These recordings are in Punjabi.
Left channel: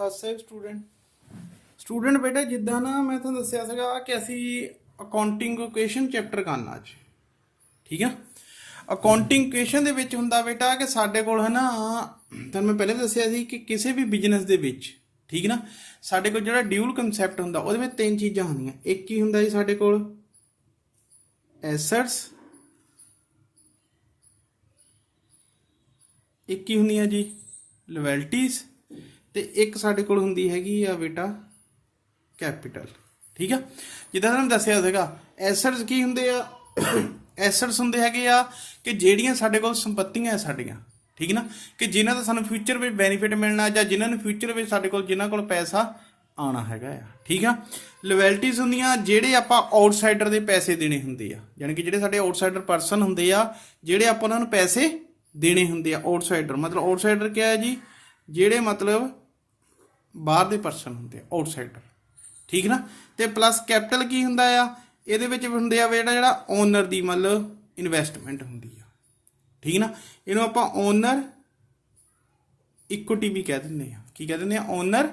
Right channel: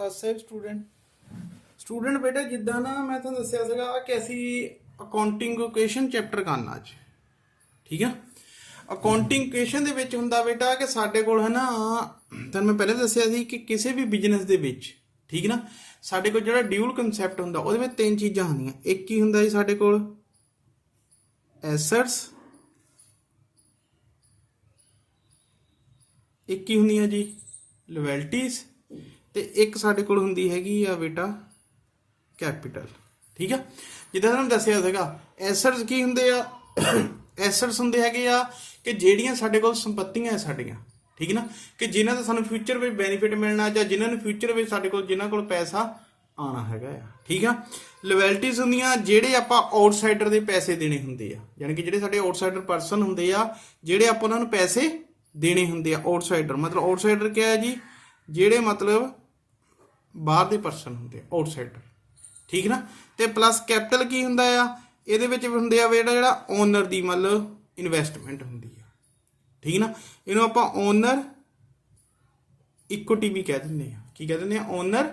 ਸਤਿ ਸਟੂਡੈਂਟ ਬੇਟਾ ਜਿੱਦਾਂ ਨਾ ਮੈਂ ਤੁਹਾਨੂੰ ਦੱਸਿਆ ਸੀਗਾ ਕਿ ਅਸੀਂ ਅਕਾਊਂਟਿੰਗ ਇਕੁਏਸ਼ਨ ਚੈਪਟਰ ਕਰਨਾ ਅੱਜ। ਠੀਕ ਆ, ਅਕਾਊਂਟਿੰਗ ਇਕੁਏਸ਼ਨ ਦੇ ਵਿੱਚ ਹੁੰਦਾ ਬੇਟਾ ਕਿ ਸਾਡੇ ਕੋਲ ਹੈ ਨਾ, ਤੁਹਾਨੂੰ ਮੈਂ ਪਹਿਲੇ ਦੱਸਿਆ ਸੀ ਕਿ ਕਿਸੇ ਵੀ ਬਿਜ਼ਨਸ ਦੇ ਵਿੱਚ, ਠੀਕ ਨਾ, ਸਾਡੇ ਕੋਲ ਜਿਹੜਾ ਡਿਊਲ ਕਨਸੈਪਟ ਹੁੰਦਾ ਉਹਦੇ ਵਿੱਚ ਤਿੰਨ ਚੀਜ਼ਾਂ ਹੁੰਦੀਆਂ। ਇੱਕ ਹੀ ਹੁੰਦਾ ਜੀ ਸਾਡੇ ਕੋਲ ਐਸੈਟਸ, ਇੱਕ ਹੀ ਹੁੰਦੀਆਂ ਜੀ ਲਾਇਬਿਲਟੀਜ਼, ਤੇ ਇੱਕ ਸਾਡੇ ਕੋਲ ਹੁੰਦੀ ਹੈਗੀ ਆ ਬੇਟਾ ਕੈਪੀਟਲ। ਠੀਕ ਆ, ਜਿੱਦਾਂ ਤੁਹਾਨੂੰ ਦੱਸਿਆ ਸੀਗਾ ਐਸੈਟਸ ਕੀ ਹੁੰਦੇ ਆ, ਐਸੈਟਸ ਹੁੰਦੇ ਹੈਗੇ ਆ ਕਿ ਜਿਹੜੀਆਂ ਸਾਡੇ ਕੋਲ ਸੰਪत्तियां ਸਾਡੀਆਂ, ਠੀਕ ਨਾ, ਕਿ ਜਿਨ੍ਹਾਂ ਦਾ ਸਾਨੂੰ ਫਿਊਚਰ ਵਿੱਚ ਬੈਨੀਫਿਟ ਮਿਲਣਾ ਜਾਂ ਜਿਨ੍ਹਾਂ ਨੂੰ ਫਿਊਚਰ ਵਿੱਚ ਸਾਡੇ ਕੋਲ ਜਿਨ੍ਹਾਂ ਕੋਲ ਪੈਸਾ ਆਉਣਾ ਹੈਗਾ ਆ। ਠੀਕ ਆ, ਲਾਇਬਿਲਟੀਜ਼ ਹੁੰਦੀਆਂ ਜਿਹੜੇ ਆਪਾਂ ਆਊਟਸਾਈਡਰ ਦੇ ਪੈਸੇ ਦੇਣੇ ਹੁੰਦੇ ਆ, ਯਾਨੀ ਕਿ ਜਿਹੜੇ ਸਾਡੇ ਆਊਟਸਾਈਡਰ ਪਰਸਨ ਹੁੰਦੇ ਆ, ਜਿਹੜੇ ਆਪਾਂ ਉਹਨਾਂ ਨੂੰ ਪੈਸੇ ਦੇਣੇ ਹੁੰਦੇ ਆ। ਆਊਟਸਾਈਡਰ ਮਤਲਬ ਆਊਟਸਾਈਡਰ ਕਿਆ ਹੈ ਜੀ, ਜਿਹੜੇ ਮਤਲਬ ਬਾਹਰ ਦੇ ਪਰਸਨ ਹੁੰਦੇ ਆ, ਆਊਟਸਾਈਡਰ। ਠੀਕ ਨਾ, ਤੇ ਪਲੱਸ ਕੈਪੀਟਲ ਕੀ ਹੁੰਦਾ ਆ, ਇਹਦੇ ਵਿੱਚ ਹੁੰਦੇ ਆ ਜਿਹੜਾ ਓਨਰ ਦੀ ਮਤਲਬ ਇਨਵੈਸਟਮੈਂਟ ਹੁੰਦੀ ਆ। ਠੀਕ ਨਾ, ਇਹਨੂੰ ਆਪਾਂ ਓਨਰ ਇਕੁਇਟੀ ਵੀ ਕਹਿ ਦਿੰਦੇ ਆ। ਕੀ ਕਹਿ ਦਿੰਦੇ ਆ? ਓਨਰ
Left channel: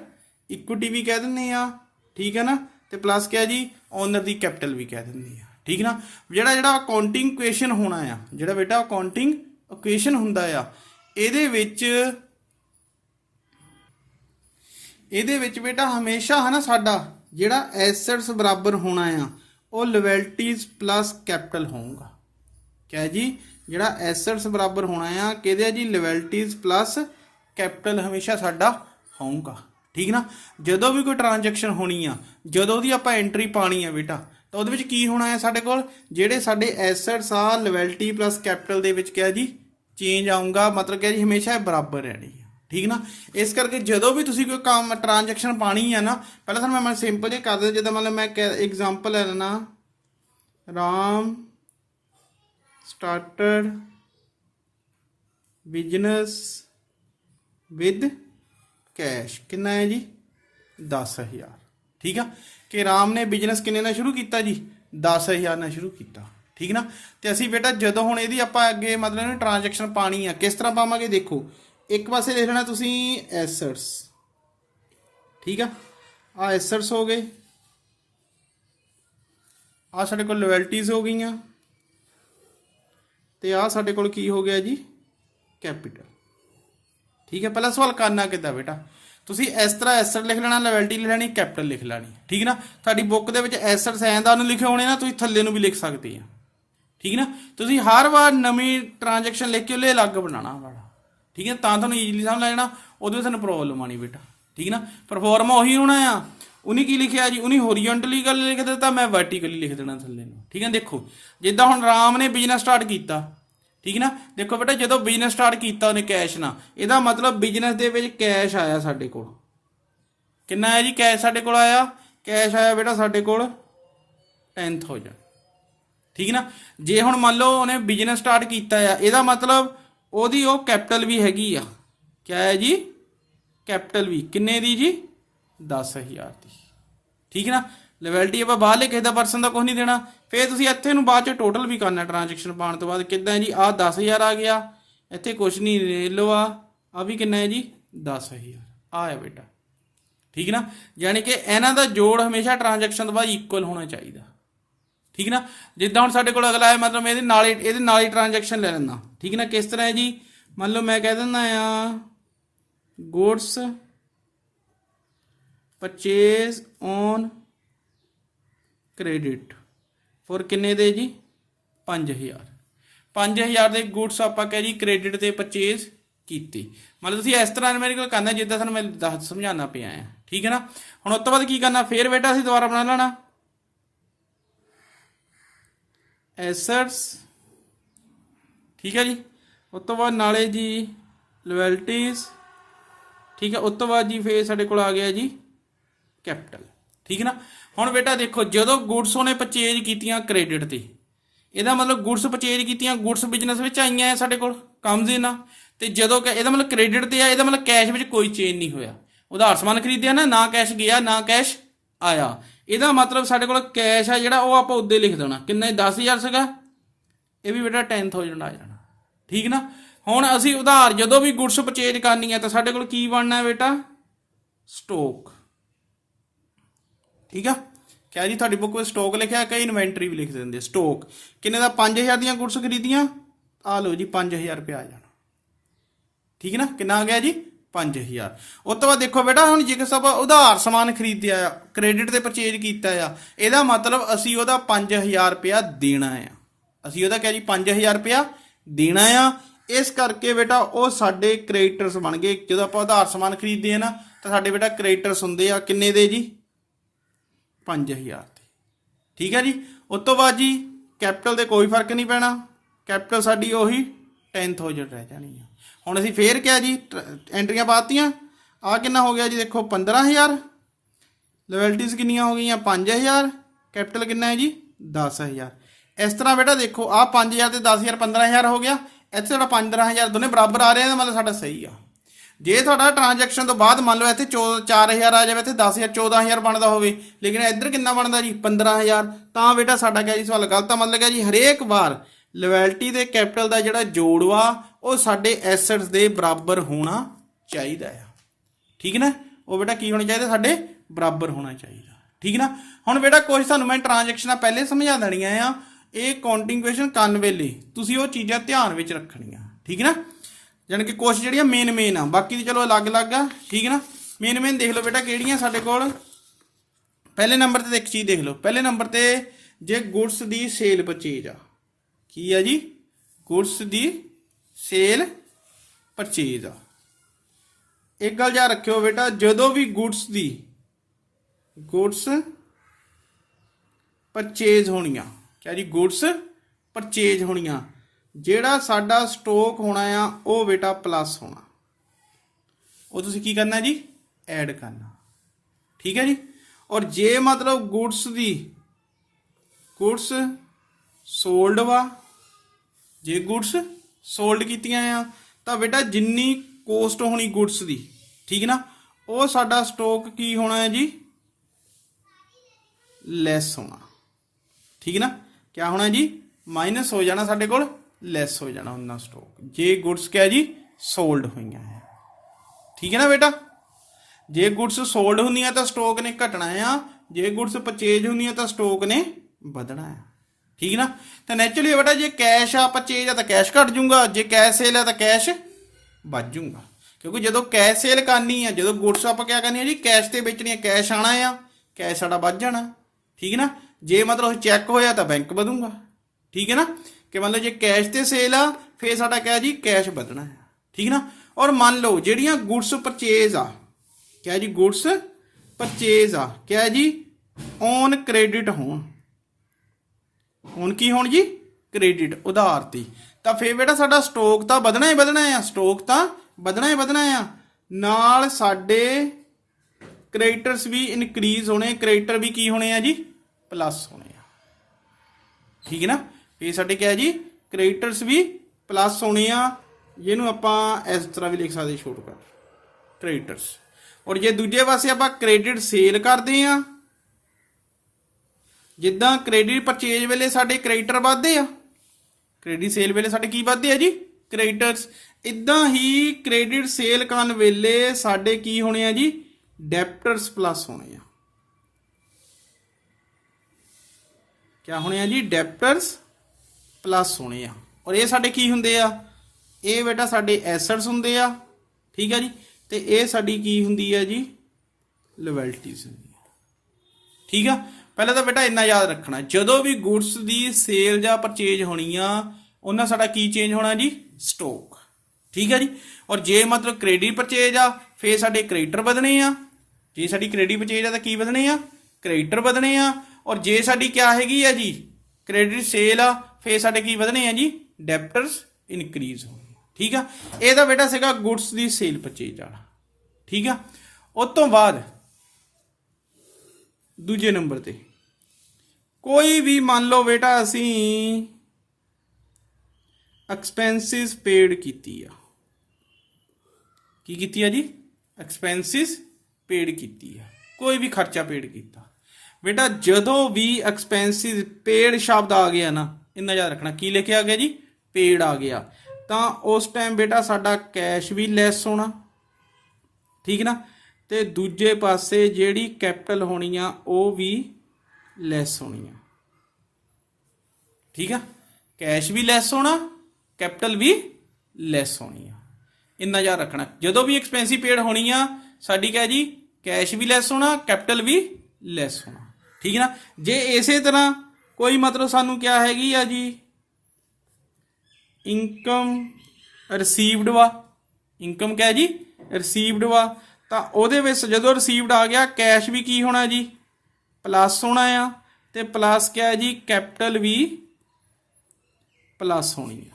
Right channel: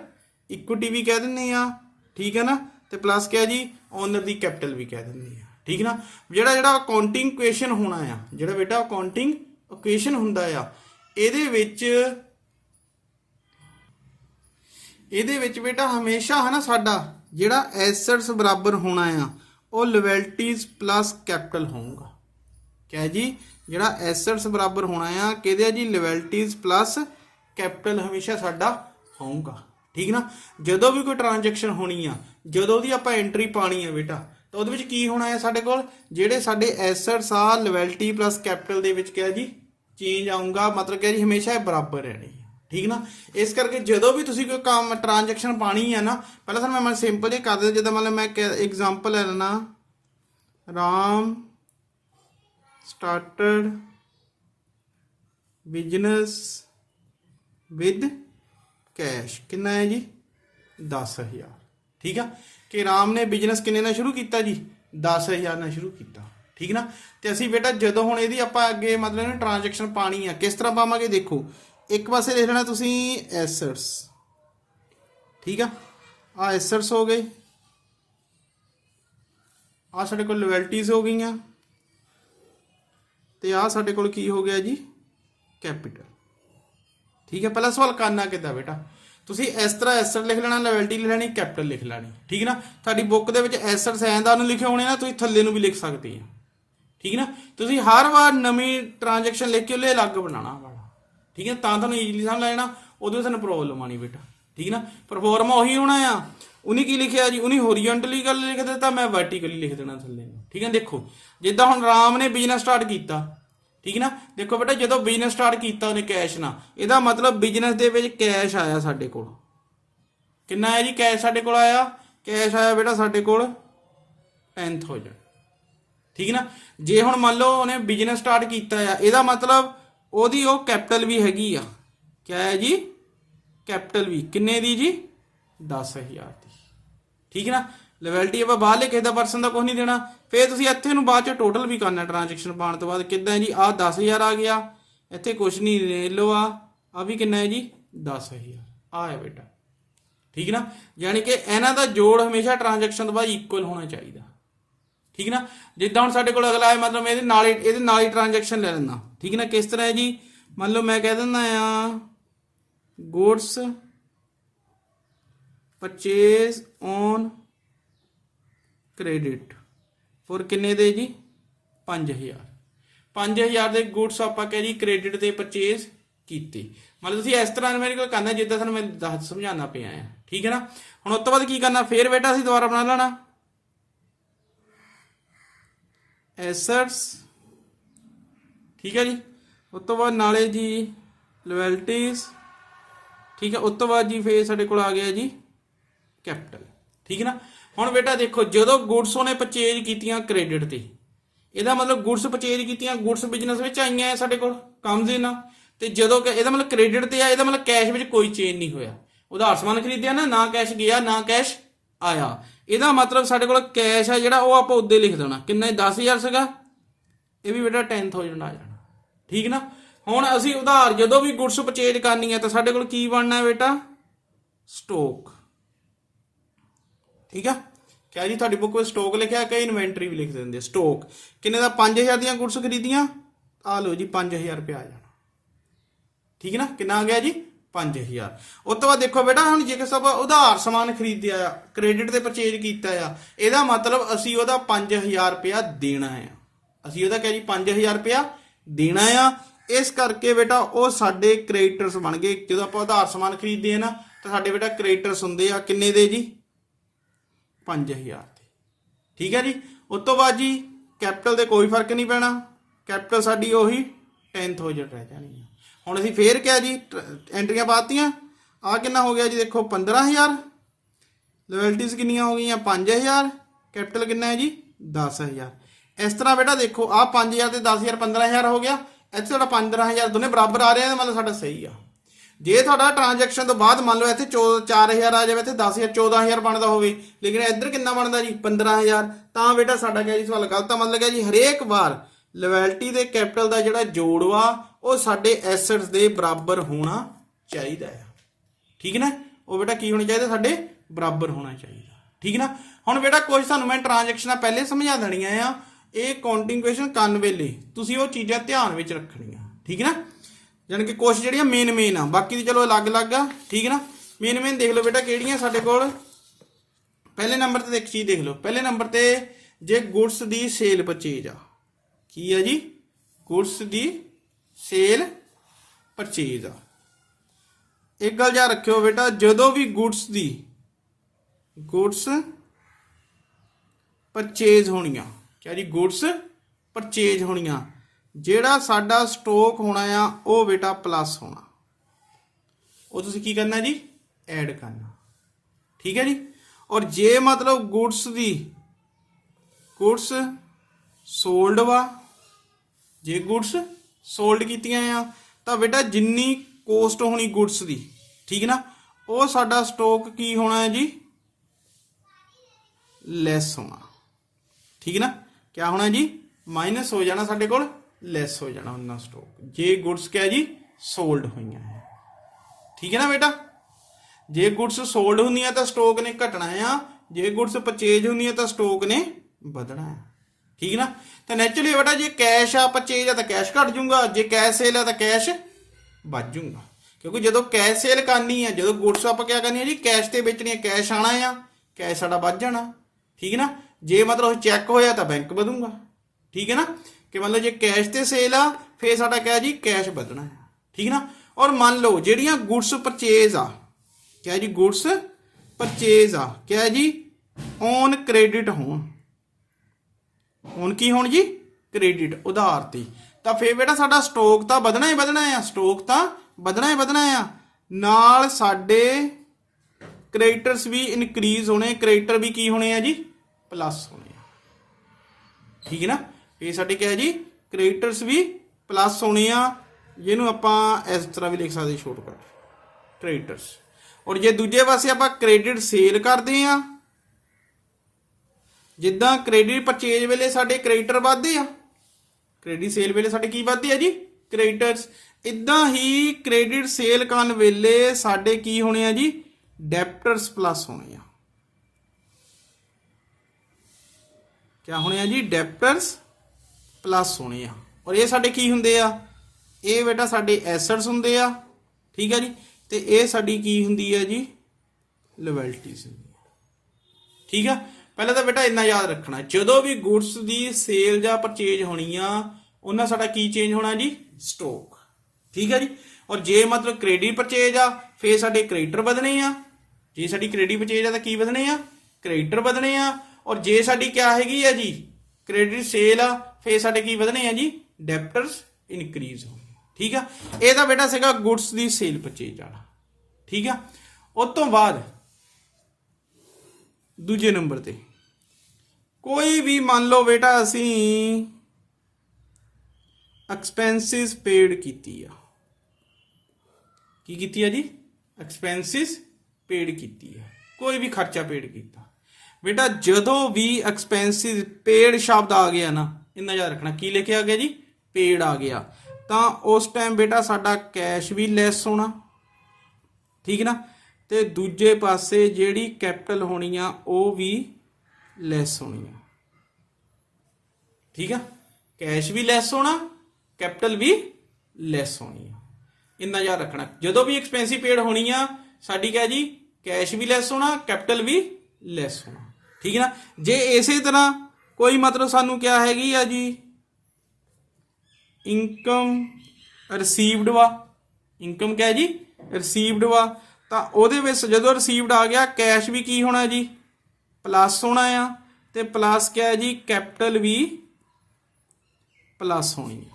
ਇਕੁਇਟੀ ਵੀ ਕਹਿ ਦਿੰਦੇ ਆ। ਠੀਕ ਹੈ ਨਾ, ਤੇ ਪਲੱਸ ਕਿਆ ਜੀ, ਓਨਰ ਦੀ ਕੈਪੀਟਲ ਵੀ ਕਹਿ ਦਿੰਦੇ ਆ। ਠੀਕ ਨਾ, ਜਿਹੜਾ ਅਕਾਊਂਟਿੰਗ ਇਕੁਏਸ਼ਨ ਹੋਣਾ ਆ, ਜਿਹੜਾ ਬੇਟਾ ਅਕਾਊਂਟਿੰਗ ਇਕੁਏਸ਼ਨ ਹੁੰਦਾ ਆ, ਇਹਦੇ ਵਿੱਚ ਬੇਟਾ ਹਮੇਸ਼ਾ ਹੈ ਨਾ ਸਾਡਾ ਜਿਹੜਾ ਐਸੈਟਸ ਬਰਾਬਰ ਹੋਣਾ ਆ ਉਹ ਲਾਇਬਿਲਟੀਜ਼ ਪਲੱਸ ਕੈਪੀਟਲ ਹੋਊਗਾ। ਕਿਆ ਜੀ, ਜਿਹੜਾ ਐਸੈਟਸ ਬਰਾਬਰ ਹੋਣਾ ਆ ਕਿਹਦੇ ਆ ਜੀ, ਲਾਇਬਿਲਟੀਜ਼ ਪਲੱਸ ਕੈਪੀਟਲ ਹਮੇਸ਼ਾ ਸਾਡਾ ਹੋਊਗਾ। ਠੀਕ ਨਾ, ਜਦੋਂ ਵੀ ਕੋਈ ਟ੍ਰਾਂਜੈਕਸ਼ਨ ਹੋਣੀ ਆ, ਜਦੋਂ ਦੀ ਆਪਾਂ ਐਂਟਰੀ ਪਾਣੀ ਆ ਬੇਟਾ, ਤਾਂ ਉਹਦੇ ਵਿੱਚ ਕੀ ਹੋਣਾ ਆ, ਸਾਡੇ ਕੋਲ ਜਿਹੜੇ ਸਾਡੇ ਐਸੈਟਸ ਆ ਲਾਇਬਿਲਟੀ ਪਲੱਸ ਕੈਪੀਟਲ ਦੇ ਵਿੱਚ ਕਿਹਾ ਜੀ ਚੇਂਜ ਆਊਗਾ, ਮਤਲਬ ਕਿ ਜੀ ਹਮੇਸ਼ਾ ਇਹ ਬਰਾਬਰ ਰਹਿਣੀ। ਠੀਕ ਨਾ, ਇਸ ਕਰਕੇ ਜਦੋਂ ਵੀ ਤੁਸੀਂ ਕੋਈ ਕੰਮ ਟ੍ਰਾਂਜੈਕਸ਼ਨ ਪਾਣੀ ਆ ਨਾ, ਪਹਿਲਾਂ ਤੁਹਾਨੂੰ ਮੈਂ ਸਿੰਪਲ ਜਿਹਾ ਕਰ ਦਿੰਦਾ। ਜਿੱਦਾਂ ਮਤਲਬ ਮੈਂ ਐਗਜ਼ਾਮਪਲ ਲੈ ਲੈਣਾ, Ram started business with cash. ਕਿੰਨਾ ਹੈ ਜੀ? 10,000। ਠੀਕ ਆ, ਕਿ ਰਾਮ ਨੇ ਬਿਜ਼ਨਸ ਕਿੰਨੇ ਨਾਲ ਸ਼ੁਰੂ ਕੀਤਾ ਜੀ? 10,000 ਨਾਲ ਸ਼ੁਰੂ ਕੀਤਾ। ਠੀਕ ਨਾ, ਤੇ ਅਸੀਂ ਬੇਟਾ ਜਦੋਂ ਹੁਣ ਇਹਦੀ ਆਪਾਂ ਅੱਗੇ ਮਤਲਬ ਇਹਨੂੰ ਟ੍ਰਾਂਜੈਕਸ਼ਨ ਪਾਣੀ ਆ, ਕਿਸ ਤਰ੍ਹਾਂ ਪਾਵਾਂਗੇ? ਦੇਖੋ, ਇੱਕ ਪਾਸੇ ਲਿਖ ਲੈਣਾ ਤੁਸੀਂ ਐਸੈਟਸ। ਠੀਕ ਆ, ਆ ਐਸੈਟਸ ਹੋ ਗਏ, ਆ ਸਾਡੇ ਕੋਲ ਲਾਇਬਿਲਟੀਜ਼ ਹੋ ਗਈਆਂ, ਤੇ ਆ ਸਾਡੇ ਕੋਲ ਕੀ ਹੋ ਗਿਆ ਜੀ, ਕੈਪੀਟਲ। ਠੀਕ ਹੈ, ਪਹਿਲਾ ਸਵਾਲ ਕਰਨਾ ਕਿੱਦਾਂ ਬੇਟਾ, ਤੁਸੀਂ ਇਸ ਤਰ੍ਹਾਂ ਐਸੈਟ ਲਿਖ ਲੈਣਾ, ਲਾਇਬਿਲਟੀ ਲਿਖ ਲੈਣੀ, ਕੈਪੀਟਲ ਲਿਖ ਲੈਣੀ। ਠੀਕ ਨਾ, ਤੁਹਾਡੀ ਬੁੱਕ ਦੇ ਵਿੱਚ ਐਸੈਟਸ ਐਂਦਾ ਨੂੰ ਲਿਖੇ ਹੋਣੇ ਨਾ, ਤੁਸੀਂ ਥੱਲੇ ਨੂੰ ਵੀ ਲਿਖ ਸਕਦੇ ਆ। ਠੀਕ ਨਾ, ਤੁਸੀਂ ਹਰ ਵਾਰ ਨਵੀਂ ਟ੍ਰਾਂਜੈਕਸ਼ਨ ਲਿਖ ਕੇ ਉਹਲੇ ਅਲੱਗ ਬਣਾਉਣਾ ਵਾਲਾ। ਠੀਕ ਹੈ, ਤਾਂ ਤੁਹਾਨੂੰ ਈਜ਼ੀਲੀ ਸਮਝ ਲੈ ਜਾਣਾ, ਉਹਦੇ ਸਾਨੂੰ ਪ੍ਰੋਬਲਮ ਆਣੀ ਬੇਟਾ। ਠੀਕ ਨਾ, ਪਰਫਾਰਮਾ ਉਹੀ ਹੋਣਾ ਆ। ਉਹਨੇ ਕੀ ਲਿਖਿਆ ਜੀ, ਉਹਨੇ ਹੋਰੀਜ਼ੌਂਟਲੀ ਗੱਲ ਲਿਖ ਦਿੱਤਾ, ਮੈਂ ਵਰਟੀਕਲੀ ਲਿਖ ਦੇਣਾ ਥੱਲੇ ਨੂੰ। ਠੀਕ ਹੈ, ਦੇਖੋ ਜਿੱਦਾਂ ਹੁਣ ਰਾਮ ਨੇ ਬਿਜ਼ਨਸ ਸਟਾਰਟ ਕੀਤਾ। ਠੀਕ ਨਾ, ਦੇਖੋ ਬੇਟਾ ਜਦੋਂ ਬਿਜ਼ਨਸ ਸਟਾਰਟ ਕੀਤਾ ਉਹਨੇ ਕੈਸ਼ ਨਾਲ, ਇਹਦਾ ਮਤਲਬ ਬਿਜ਼ਨਸ ਦੇ ਵਿੱਚ ਕੈਸ਼ ਆਇਆ ਸਾਡੇ ਕੋਲ। ਕਿੰਨਾ ਆਇਆ ਜੀ ਕੈਸ਼? ਸਾਡੇ ਕੋਲ ਆਇਆ ਕੈਸ਼ ਆਇਆ ਬੇਟਾ ਸਾਡੇ ਕੋਲ 10,000। ਠੀਕ ਨਾ, ਜੇ ਹੁਣ ਮੰਨ ਲਓ ਉਹਨੇ ਬਿਜ਼ਨਸ ਸਟਾਰਟ ਕੀਤਾ ਆ, ਇਹਦਾ ਮਤਲਬ ਉਹਦੀ ਉਹ ਕੈਪੀਟਲ ਵੀ ਹੈਗੀ ਆ। ਕਿਆ ਹੈ ਜੀ? ਕੈਪੀਟਲ ਵੀ ਕਿੰਨੇ ਦੀ ਜੀ? 10,000 ਦੀ। ਠੀਕ ਨਾ, ਲਾਇਬਿਲਟੀ ਆਪਾਂ ਬਾਹਰਲੇ ਕਿਸੇ ਦਾ ਪਰਸਨ ਦਾ ਕੁਝ ਨਹੀਂ ਦੇਣਾ। ਫਿਰ ਤੁਸੀਂ ਇੱਥੇ ਨੂੰ ਬਾਅਦ ਚ ਟੋਟਲ ਵੀ ਕਰਨਾ ਟ੍ਰਾਂਜੈਕਸ਼ਨ ਪਾਉਣ ਤੋਂ ਬਾਅਦ। ਕਿੱਦਾਂ ਜੀ, ਆਹ 10,000 ਆ ਗਿਆ, ਇੱਥੇ ਕੁਝ ਨਹੀਂ ਲੈ ਲਓ, ਆ ਵੀ ਕਿੰਨਾ ਹੈ ਜੀ 10,000 ਆ ਬੇਟਾ। ਠੀਕ ਨਾ, ਯਾਨੀ ਕਿ ਇਹਨਾਂ ਦਾ ਜੋੜ ਹਮੇਸ਼ਾ ਟ੍ਰਾਂਜੈਕਸ਼ਨ ਤੋਂ ਬਾਅਦ ਇਕੁਅਲ ਹੋਣਾ ਚਾਹੀਦਾ। ਠੀਕ ਨਾ, ਜਿੱਦਾਂ ਹੁਣ ਸਾਡੇ ਕੋਲ ਅਗਲਾ ਹੈ, ਮਤਲਬ ਇਹਦੇ ਨਾਲ ਹੀ ਟ੍ਰਾਂਜੈਕਸ਼ਨ ਲੈ ਲੈਣਾ। ਠੀਕ ਨਾ, ਕਿਸ ਤਰ੍ਹਾਂ ਹੈ ਜੀ, ਮੰਨ ਲਓ ਮੈਂ ਕਹਿ ਦਿੰਦਾ ਆ goods purchase on credit for ਕਿੰਨੇ ਦੇ ਜੀ? 5,000। 5,000 ਦੇ ਗੁਡਸ ਆਪਾਂ ਕਹਿ ਜੀ ਕ੍ਰੈਡਿਟ ਤੇ ਪਰਚੇਜ਼ ਕੀਤੇ। ਮਤਲਬ ਤੁਸੀਂ ਇਸ ਤਰ੍ਹਾਂ ਮੇਰੇ ਕੋਲ ਕਰਨਾ ਜਿੱਦਾਂ ਤੁਹਾਨੂੰ ਮੈਂ ਸਮਝਾਉਣਾ ਪਿਆ ਹੈ। ਠੀਕ ਹੈ ਨਾ, ਹੁਣ ਉਸ ਤੋਂ ਬਾਅਦ ਕੀ ਕਰਨਾ, ਫਿਰ ਬੇਟਾ ਅਸੀਂ ਦੁਬਾਰਾ ਬਣਾ ਲੈਣਾ ਐਸੈਟਸ। ਠੀਕ ਹੈ ਜੀ, ਉਸ ਤੋਂ ਬਾਅਦ ਨਾਲੇ ਜੀ ਲਾਇਬਿਲਟੀਜ਼। ਠੀਕ ਹੈ, ਉਸ ਤੋਂ ਬਾਅਦ ਜੀ ਫਿਰ ਸਾਡੇ ਕੋਲ ਆ ਗਿਆ ਜੀ ਕੈਪੀਟਲ। ਠੀਕ ਹੈ ਨਾ, ਹੁਣ ਬੇਟਾ ਦੇਖੋ ਜਦੋਂ ਗੁਡਸ ਉਹਨੇ ਪਰਚੇਜ ਕੀਤੀਆਂ ਕ੍ਰੈਡਿਟ ਤੇ, ਇਹਦਾ ਮਤਲਬ ਗੁਡਸ ਪਰਚੇਜ ਕੀਤੀਆਂ, ਗੁਡਸ ਬਿਜ਼ਨਸ ਵਿੱਚ ਆਈਆਂ ਸਾਡੇ ਕੋਲ ਕੰਮ ਦੇ ਨਾਲ, ਤੇ ਜਦੋਂ ਇਹਦਾ ਮਤਲਬ ਕ੍ਰੈਡਿਟ ਤੇ ਆ, ਇਹਦਾ ਮਤਲਬ ਕੈਸ਼ ਵਿੱਚ ਕੋਈ ਚੇਂਜ ਨਹੀਂ ਹੋਇਆ। ਉਧਾਰ ਸਮਾਨ ਖਰੀਦਿਆ ਨਾ ਕੈਸ਼ ਗਿਆ ਨਾ ਕੈਸ਼ ਆਇਆ, ਇਹਦਾ ਮਤਲਬ ਸਾਡੇ ਕੋਲ ਕੈਸ਼ ਆ ਜਿਹੜਾ ਉਹ ਆਪਾਂ ਉੱਦੇ ਲਿਖ ਦੇਣਾ। ਕਿੰਨਾ 10,000 ਸੀਗਾ, ਇਹ ਵੀ ਬੇਟਾ 10,000 ਆ ਜਾਣਾ। ਠੀਕ ਨਾ, ਹੁਣ ਅਸੀਂ ਉਧਾਰ ਜਦੋਂ ਵੀ ਗੁਡਸ ਪਰਚੇਜ ਕਰਨੀ ਹੈ ਤਾਂ ਸਾਡੇ ਕੋਲ ਕੀ ਬਣਨਾ ਬੇਟਾ, स्टॉक। ठीक है, क्या जी ਤੁਹਾਡੀ बुक में स्टॉक लिखा, कई इन्वेंटरी भी लिख देंगे। स्टॉक किन्ने का 5000 ਦੀਆਂ गुड्स खरीदियां, आ लो जी 5000 रुपया आ जाना। ठीक है ना, कितना आ गया जी 5000। उस तो बाद देखो बेटा हम जे किसी ਆਪਾਂ ਉਧਾਰ ਸਮਾਨ ਖਰੀਦਿਆ ਆ, ਕ੍ਰੈਡਿਟ ਤੇ ਪਰਚੇਜ ਕੀਤਾ ਆ, ਇਹਦਾ ਮਤਲਬ ਅਸੀਂ ਉਹਦਾ 5000 ਰੁਪਇਆ ਦੇਣਾ ਆ। ਅਸੀਂ ਉਹਦਾ ਕਿਹਾ ਜੀ 5000 ਰੁਪਇਆ ਦੇਣਾ ਆ। ਇਸ ਕਰਕੇ बेटा ਉਹ ਸਾਡੇ ਕ੍ਰੈਡਿਟਰਸ ਬਣ ਗਏ। ਜਦੋਂ ਆਪਾਂ ਉਧਾਰ ਸਮਾਨ ਖਰੀਦਦੇ ਆ ਨਾ ਤਾਂ ਸਾਡੇ बेटा ਕ੍ਰੈਡਿਟਰਸ ਹੁੰਦੇ ਆ ਕਿੰਨੇ ਦੇ ਜੀ 5000 ਦੇ। ਠੀਕ ਹੈ ਜੀ। ਉਸ ਤੋਂ ਬਾਅਦ ਜੀ ਕੈਪੀਟਲ ਤੇ ਕੋਈ ਫਰਕ ਨਹੀਂ ਪੈਣਾ, ਕੈਪੀਟਲ ਸਾਡੀ ਉਹੀ 10000 ਰਹਿ ਜਾਣੀ ਹੈ। ਹੁਣ ਅਸੀਂ ਫੇਰ ਕਿਹਾ ਜੀ ਐਂਟਰੀਆਂ ਪਾਤੀਆਂ, ਆ ਕਿੰਨਾ ਹੋ ਗਿਆ ਜੀ ਦੇਖੋ 15000, ਲਾਇਲਟੀਜ਼ ਕਿੰਨੀਆਂ ਹੋ ਗਈਆਂ 5000, ਕੈਪੀਟਲ ਕਿੰਨਾ ਹੈ ਜੀ 10000। ਇਸ ਤਰ੍ਹਾਂ ਬੇਟਾ ਦੇਖੋ ਆ 5000 ਤੇ 10000 15000 ਹੋ ਗਿਆ। ਇੱਥੇ ਸਾਡਾ 15000 ਦੋਨੇ ਬਰਾਬਰ ਆ ਰਹੇ ਆ, ਮਤਲਬ ਸਾਡਾ ਸਹੀ ਆ। ਜੇ ਤੁਹਾਡਾ ਟ੍ਰਾਂਜੈਕਸ਼ਨ ਤੋਂ ਬਾਅਦ ਮੰਨ ਲਓ ਇੱਥੇ 4000 ਆ ਜਾਵੇ, ਇੱਥੇ 10000 14000 ਬਣਦਾ ਹੋਵੇ, ਲੇਕਿਨ ਇੱਧਰ ਕਿੰਨਾ ਬਣਦਾ ਜੀ 15000, ਤਾਂ ਬੇਟਾ ਸਾਡਾ ਕਿਹਾ ਜੀ ਸਵਾਲ ਗਲਤ ਆ। ਮਤਲਬ ਹੈ ਜੀ ਹਰੇਕ ਵਾਰ ਲਾਇਲਟੀ ਤੇ ਕੈਪੀਟਲ ਦਾ ਜਿਹੜਾ ਜੋੜ ਵਾ ਉਹ ਸਾਡੇ ਐਸੈਟਸ ਦੇ ਬਰਾਬਰ ਹੋਣਾ ਚਾਹੀਦਾ ਆ। ਠੀਕ ਨਾ, ਉਹ ਬੇਟਾ ਕੀ ਹੋਣਾ ਚਾਹੀਦਾ ਸਾਡੇ ਬਰਾਬਰ ਹੋਣਾ ਚਾਹੀਦਾ। ਠੀਕ ਨਾ। ਹੁਣ ਬੇਟਾ ਕੁਝ ਤੁਹਾਨੂੰ ਮੈਂ ਟ੍ਰਾਂਜੈਕਸ਼ਨਾਂ ਪਹਿਲੇ ਸਮਝਾ ਦੇਣੀਆਂ ਆ, ਇਹ ਕਾਊਂਟਿੰਗ ਕੁਐਸਚਨ ਕਰਨ ਵੇਲੇ ਤੁਸੀਂ ਉਹ ਚੀਜ਼ਾਂ ਧਿਆਨ ਵਿੱਚ ਰੱਖਣੀਆਂ। ਠੀਕ ਨਾ, ਜਾਣੀ ਕਿ ਕੁਛ ਜਿਹੜੀਆਂ ਮੇਨ ਆ, ਬਾਕੀ ਦੀ ਚਲੋ ਅਲੱਗ-ਅਲੱਗ ਆ। ਠੀਕ ਨਾ, ਮੇਨ ਦੇਖ ਲਓ ਬੇਟਾ ਕਿਹੜੀਆਂ ਸਾਡੇ ਕੋਲ। ਪਹਿਲੇ ਨੰਬਰ ਤੇ ਇੱਕ ਚੀਜ਼ ਦੇਖ ਲਓ, ਪਹਿਲੇ ਨੰਬਰ ਤੇ ਜੇ ਗੁड्स ਦੀ ਸੇਲ ਪਰਚੇਜ ਆ, ਕੀ ਆ ਜੀ ਗੁड्स ਦੀ ਸੇਲ ਪਰਚੇਜ ਆ। ਇੱਕ ਗੱਲ ਯਾਦ ਰੱਖਿਓ ਬੇਟਾ, ਜਦੋਂ ਵੀ ਗੁड्स ਪਰਚੇਜ ਹੋਣੀਆਂ, ਕਿਆ ਜੀ ਗੁड्स ਪਰਚੇਜ ਹੋਣੀਆਂ, ਜਿਹੜਾ ਸਾਡਾ ਸਟਾਕ ਹੋਣਾ ਆ ਉਹ ਬੇਟਾ ਪਲੱਸ ਹੋਣਾ। ਉਹ ਤੁਸੀਂ ਕੀ ਕਰਨਾ ਜੀ ਐਡ ਕਰਨਾ। ਠੀਕ ਹੈ ਜੀ। ਔਰ ਜੇ ਮਤਲਬ ਗੁड्स ਸੋਲਡ ਵਾ, ਜੇ ਗੁड्स ਸੋਲਡ ਕੀਤੀਆਂ ਆ ਤਾਂ ਬੇਟਾ ਜਿੰਨੀ ਕੋਸਟ ਹੋਣੀ ਗੁड्स ਦੀ, ਠੀਕ ਨਾ, ਉਹ ਸਾਡਾ ਸਟਾਕ ਕੀ ਹੋਣਾ ਹੈ ਜੀ ਲੈਸ ਹੋਣਾ। ਠੀਕ ਨਾ, ਕਿਆ ਹੋਣਾ ਜੀ ਮਾਈਨਸ ਹੋ ਜਾਣਾ, ਸਾਡੇ ਕੋਲ ਲੈਸ ਹੋ ਜਾਣਾ ਉਹਨਾਂ ਸਟਾਕ, ਜੇ ਗੁड्स ਕਿਆ ਜੀ ਸੋਲਡ ਹੋਈਆਂ। ਠੀਕ ਹੈ ਨਾ ਬੇਟਾ, ਜੇ ਗੁड्स ਸੋਲਡ ਹੁੰਦੀਆਂ ਤਾਂ ਸਟਾਕ ਨੇ ਘਟਣਾ ਆ, ਜੇ ਗੁड्स ਪਰਚੇਜ ਹੁੰਦੀਆਂ ਤਾਂ ਸਟਾਕ ਨੇ ਵਧਣਾ ਆ। ਠੀਕ ਨਾ, ਤਾਂ ਨੈਚੁਰਲੀ ਬੇਟਾ ਜੇ ਕੈਸ਼ ਆ ਪਰਚੇਜ ਆ ਤਾਂ ਕੈਸ਼ ਘਟ ਜੂਗਾ, ਜੇ ਕੈਸ਼ ਸੇਲ ਆ ਤਾਂ ਕੈਸ਼ ਵੱਧ ਜੂਗਾ। ਕਿਉਂਕਿ ਜਦੋਂ ਕੈਸ਼ ਸੇਲ ਕਰਨੀ ਆ, ਜਦੋਂ ਗੁड्स ਆਪਾਂ ਕਿਆ ਕਰਨੀ ਆ ਜੀ ਕੈਸ਼ ਤੇ ਵੇਚਣੀ ਆ, ਕੈਸ਼ ਆਣਾ ਆ, ਕੈਸ਼ ਸਾਡਾ ਵੱਧ ਜਾਣਾ। ਠੀਕ ਨਾ, ਜੇ ਮਤਲਬ ਚੈੱਕ ਹੋਇਆ ਤਾਂ ਬੈਂਕ ਵਧੂਗਾ। ਠੀਕ ਹੈ ਨਾ, ਕਿ ਮਤਲਬ ਜੇ ਕੈਸ਼ ਤੇ ਸੇਲ ਆ ਫੇਰ ਸਾਡਾ ਕਿਆ ਜੀ ਕੈਸ਼ ਵਧਣਾ ਹੈ। ਠੀਕ ਨਾ। ਔਰ ਮੰਨ ਲਓ ਜਿਹੜੀਆਂ ਗੁड्स ਪਰਚੇਜ ਆ, ਕਿਆ ਜੀ ਗੁड्स ਪਰਚੇਜ ਆ, ਕਿਆ ਜੀ ਔਨ ਕ੍ਰੈਡਿਟ ਹੋਣ, ਹੁਣ ਕੀ ਹੋਣ ਜੀ ਕ੍ਰੈਡਿਟ ਉਧਾਰ ਤੇ, ਤਾਂ ਫੇਰ ਬੇਟਾ ਸਾਡਾ ਸਟਾਕ ਤਾਂ ਵਧਣਾ ਹੀ ਵਧਣਾ ਆ, ਸਟਾਕ ਤਾਂ ਵਧਣਾ ਹੀ ਵਧਣਾ ਆ, ਨਾਲ ਸਾਡੇ ਕ੍ਰੈਡਿਟਰਸ ਵੀ ਇਨਕਰੀਜ਼ ਹੋਣੇ, ਕ੍ਰੈਡਿਟਰ ਵੀ ਕੀ ਹੋਣੇ ਆ ਜੀ ਪਲੱਸ ਹੋਣੇ ਆ। ਠੀਕ ਹੈ ਨਾ, ਇਹ ਸਾਡੇ ਕਿਆ ਜੀ ਕ੍ਰੈਡਿਟਰਸ ਵੀ ਪਲੱਸ ਹੋਣੇ ਆ। ਜਿਹਨੂੰ ਆਪਾਂ ਇਸ ਤਰ੍ਹਾਂ ਵੀ ਲਿਖ ਸਕਦੇ ਸ਼ਾਰਟਕਟ ਕ੍ਰੈਡਿਟਰਸ। ਔਰ ਜੇ ਦੂਜੇ ਪਾਸੇ ਆਪਾਂ ਕ੍ਰੈਡਿਟ ਸੇਲ ਕਰਦੇ ਆ, ਜਿੱਦਾਂ ਕ੍ਰੈਡਿਟ ਪਰਚੇਜ ਵੇਲੇ ਸਾਡੇ ਕ੍ਰੈਡਿਟਰ ਵੱਧਦੇ ਆ, ਕ੍ਰੈਡਿਟ ਸੇਲ ਵੇਲੇ ਸਾਡੇ ਕੀ ਵੱਧਦੇ ਆ ਜੀ ਕ੍ਰੈਡਿਟਰਸ, ਇਦਾਂ ਹੀ ਕ੍ਰੈਡਿਟ ਸੇਲ ਕਰਨ ਵੇਲੇ ਸਾਡੇ ਕੀ ਹੋਣੇ ਆ ਜੀ ਡੈਪਟਰਸ ਪਲੱਸ ਹੋਣੇ ਆ। ਕਿਆ ਹੋਣੇ ਆ ਜੀ ਡੈਪਟਰਸ ਪਲੱਸ ਹੋਣੇ ਆ। ਔਰ ਇਹ ਸਾਡੇ ਕੀ ਹੁੰਦੇ ਆ, ਇਹ ਬੇਟਾ ਸਾਡੇ ਐਸੈਟਸ ਹੁੰਦੇ ਆ। ਠੀਕ ਹੈ ਜੀ, ਤੇ ਇਹ ਸਾਡੀ ਕੀ ਹੁੰਦੀ ਹੈ ਜੀ ਲਾਇਲਟੀਜ਼ ਹੁੰਦੀ ਆ। ਠੀਕ ਆ, ਪਹਿਲਾਂ ਤਾਂ ਬੇਟਾ ਇੰਨਾ ਯਾਦ ਰੱਖਣਾ, ਜਦੋਂ ਵੀ ਗੁड्स ਦੀ ਸੇਲ ਜਾਂ ਪਰਚੇਜ ਹੋਣੀ ਆ ਉਹਨਾਂ ਸਾਡਾ ਕੀ ਚੇਂਜ ਹੋਣਾ ਜੀ ਸਟਾਕ। ਠੀਕ ਹੈ ਜੀ। ਔਰ ਜੇ ਮਤਲਬ ਕ੍ਰੈਡਿਟ ਪਰਚੇਜ ਆ ਫੇਰ ਸਾਡੇ ਕ੍ਰੈਡਿਟਰ ਵਧਣੇ ਆ, ਜੇ ਸਾਡੀ ਕ੍ਰੈਡਿਟ ਪਰਚੇਜ ਆ ਤਾਂ ਕੀ ਵਧਣੇ ਆ ਕ੍ਰੈਡਿਟਰ ਵਧਣੇ ਆ। ਔਰ ਜੇ ਸਾਡੀ ਕਿਆ ਹੈਗੀ ਆ ਜੀ ਕ੍ਰੈਡਿਟ ਸੇਲ ਆ ਫੇਰ ਸਾਡੇ ਕੀ ਵਧਣੇ ਆ ਜੀ ਡੈਪਟਰਸ ਇਨਕਰੀਜ਼ ਹੋਣੇ। ਠੀਕ ਆ, ਇਹ ਤਾਂ ਬੇਟਾ ਸੀਗਾ ਗੁड्स ਦੀ ਸੇਲ ਪਰਚੇਜ ਵਾਲਾ। ਠੀਕ ਆ, ਉਸ ਤੋਂ ਬਾਅਦ ਦੂਜੇ ਨੰਬਰ ਤੇ ਕੋਈ ਵੀ ਮੰਨ ਲਓ ਬੇਟਾ ਅਸੀਂ ਐਕਸਪੈਂਸਿਸ ਪੇਡ ਕੀਤੀ ਆ, ਕੀ ਕੀਤੀ ਆ ਜੀ ਐਕਸਪੈਂਸਿਸ ਪੇਡ ਕੀਤੀ ਆ, ਕੋਈ ਵੀ ਖਰਚਾ ਪੇਡ ਕੀਤਾ ਬੇਟਾ। ਜਦੋਂ ਵੀ ਐਕਸਪੈਂਸਿਸ ਪੇਡ ਸ਼ਬਦ ਆ ਗਿਆ ਨਾ, ਇੰਨਾ ਯਾਦ ਰੱਖਣਾ ਕੀ ਲਿਖਿਆ ਆ ਗਿਆ ਜੀ ਪੇਡ ਆ ਗਿਆ, ਤਾਂ ਉਸ ਟਾਈਮ ਬੇਟਾ ਸਾਡਾ ਕੈਸ਼ ਵੀ ਲੈਸ ਹੋਣਾ। ਠੀਕ ਨਾ, ਤੇ ਦੂਜੇ ਪਾਸੇ ਜਿਹੜੀ ਕੈਪੀਟਲ ਹੋਣੀ ਆ ਉਹ ਵੀ ਲੈਸ ਹੋਣੀ ਆ। ਠੀਕ ਆ, ਕੈਸ਼ ਵੀ ਲੈਸ ਹੋਣਾ, ਕੈਪੀਟਲ ਵੀ ਲੈਸ ਹੋਣੀ ਆ। ਇੰਨਾ ਯਾਦ ਰੱਖਣਾ, ਜਦੋਂ ਵੀ ਐਕਸਪੈਂਸਿਵ ਪੇਡ ਹੋਣੀ ਆ ਸਾਡੀ ਕਿਆ ਜੀ, ਕੈਸ਼ ਵੀ ਲੈਸ ਹੋਣਾ, ਕੈਪੀਟਲ ਵੀ ਲੈਸ ਹੋਣਾ। ਠੀਕ ਹੈ ਨਾ। ਜੇ ਇਸੇ ਤਰ੍ਹਾਂ ਕੋਈ ਮਤਲਬ ਸਾਨੂੰ ਕਿਆ ਹੈਗੀ ਆ ਜੀ, ਇਨਕਮ ਰਿਸੀਵਡ ਵਾ, ਇਨਕਮ ਕਿਆ ਜੀ ਰਿਸੀਵਡ ਵਾ, ਤਾਂ ਉਹਦੇ ਵਿੱਚ ਜਦੋਂ ਰਿਸੀਵਡ ਆ ਗਿਆ ਕੈਸ਼ ਵੀ ਕੀ ਹੋਣਾ ਜੀ, ਪਲੱਸ ਹੋਣਾ ਆ, ਤੇ ਪਲੱਸ ਕਿਆ ਜੀ ਕੈਪੀਟਲ ਵੀ ਪਲੱਸ ਹੋਣੀ ਆ।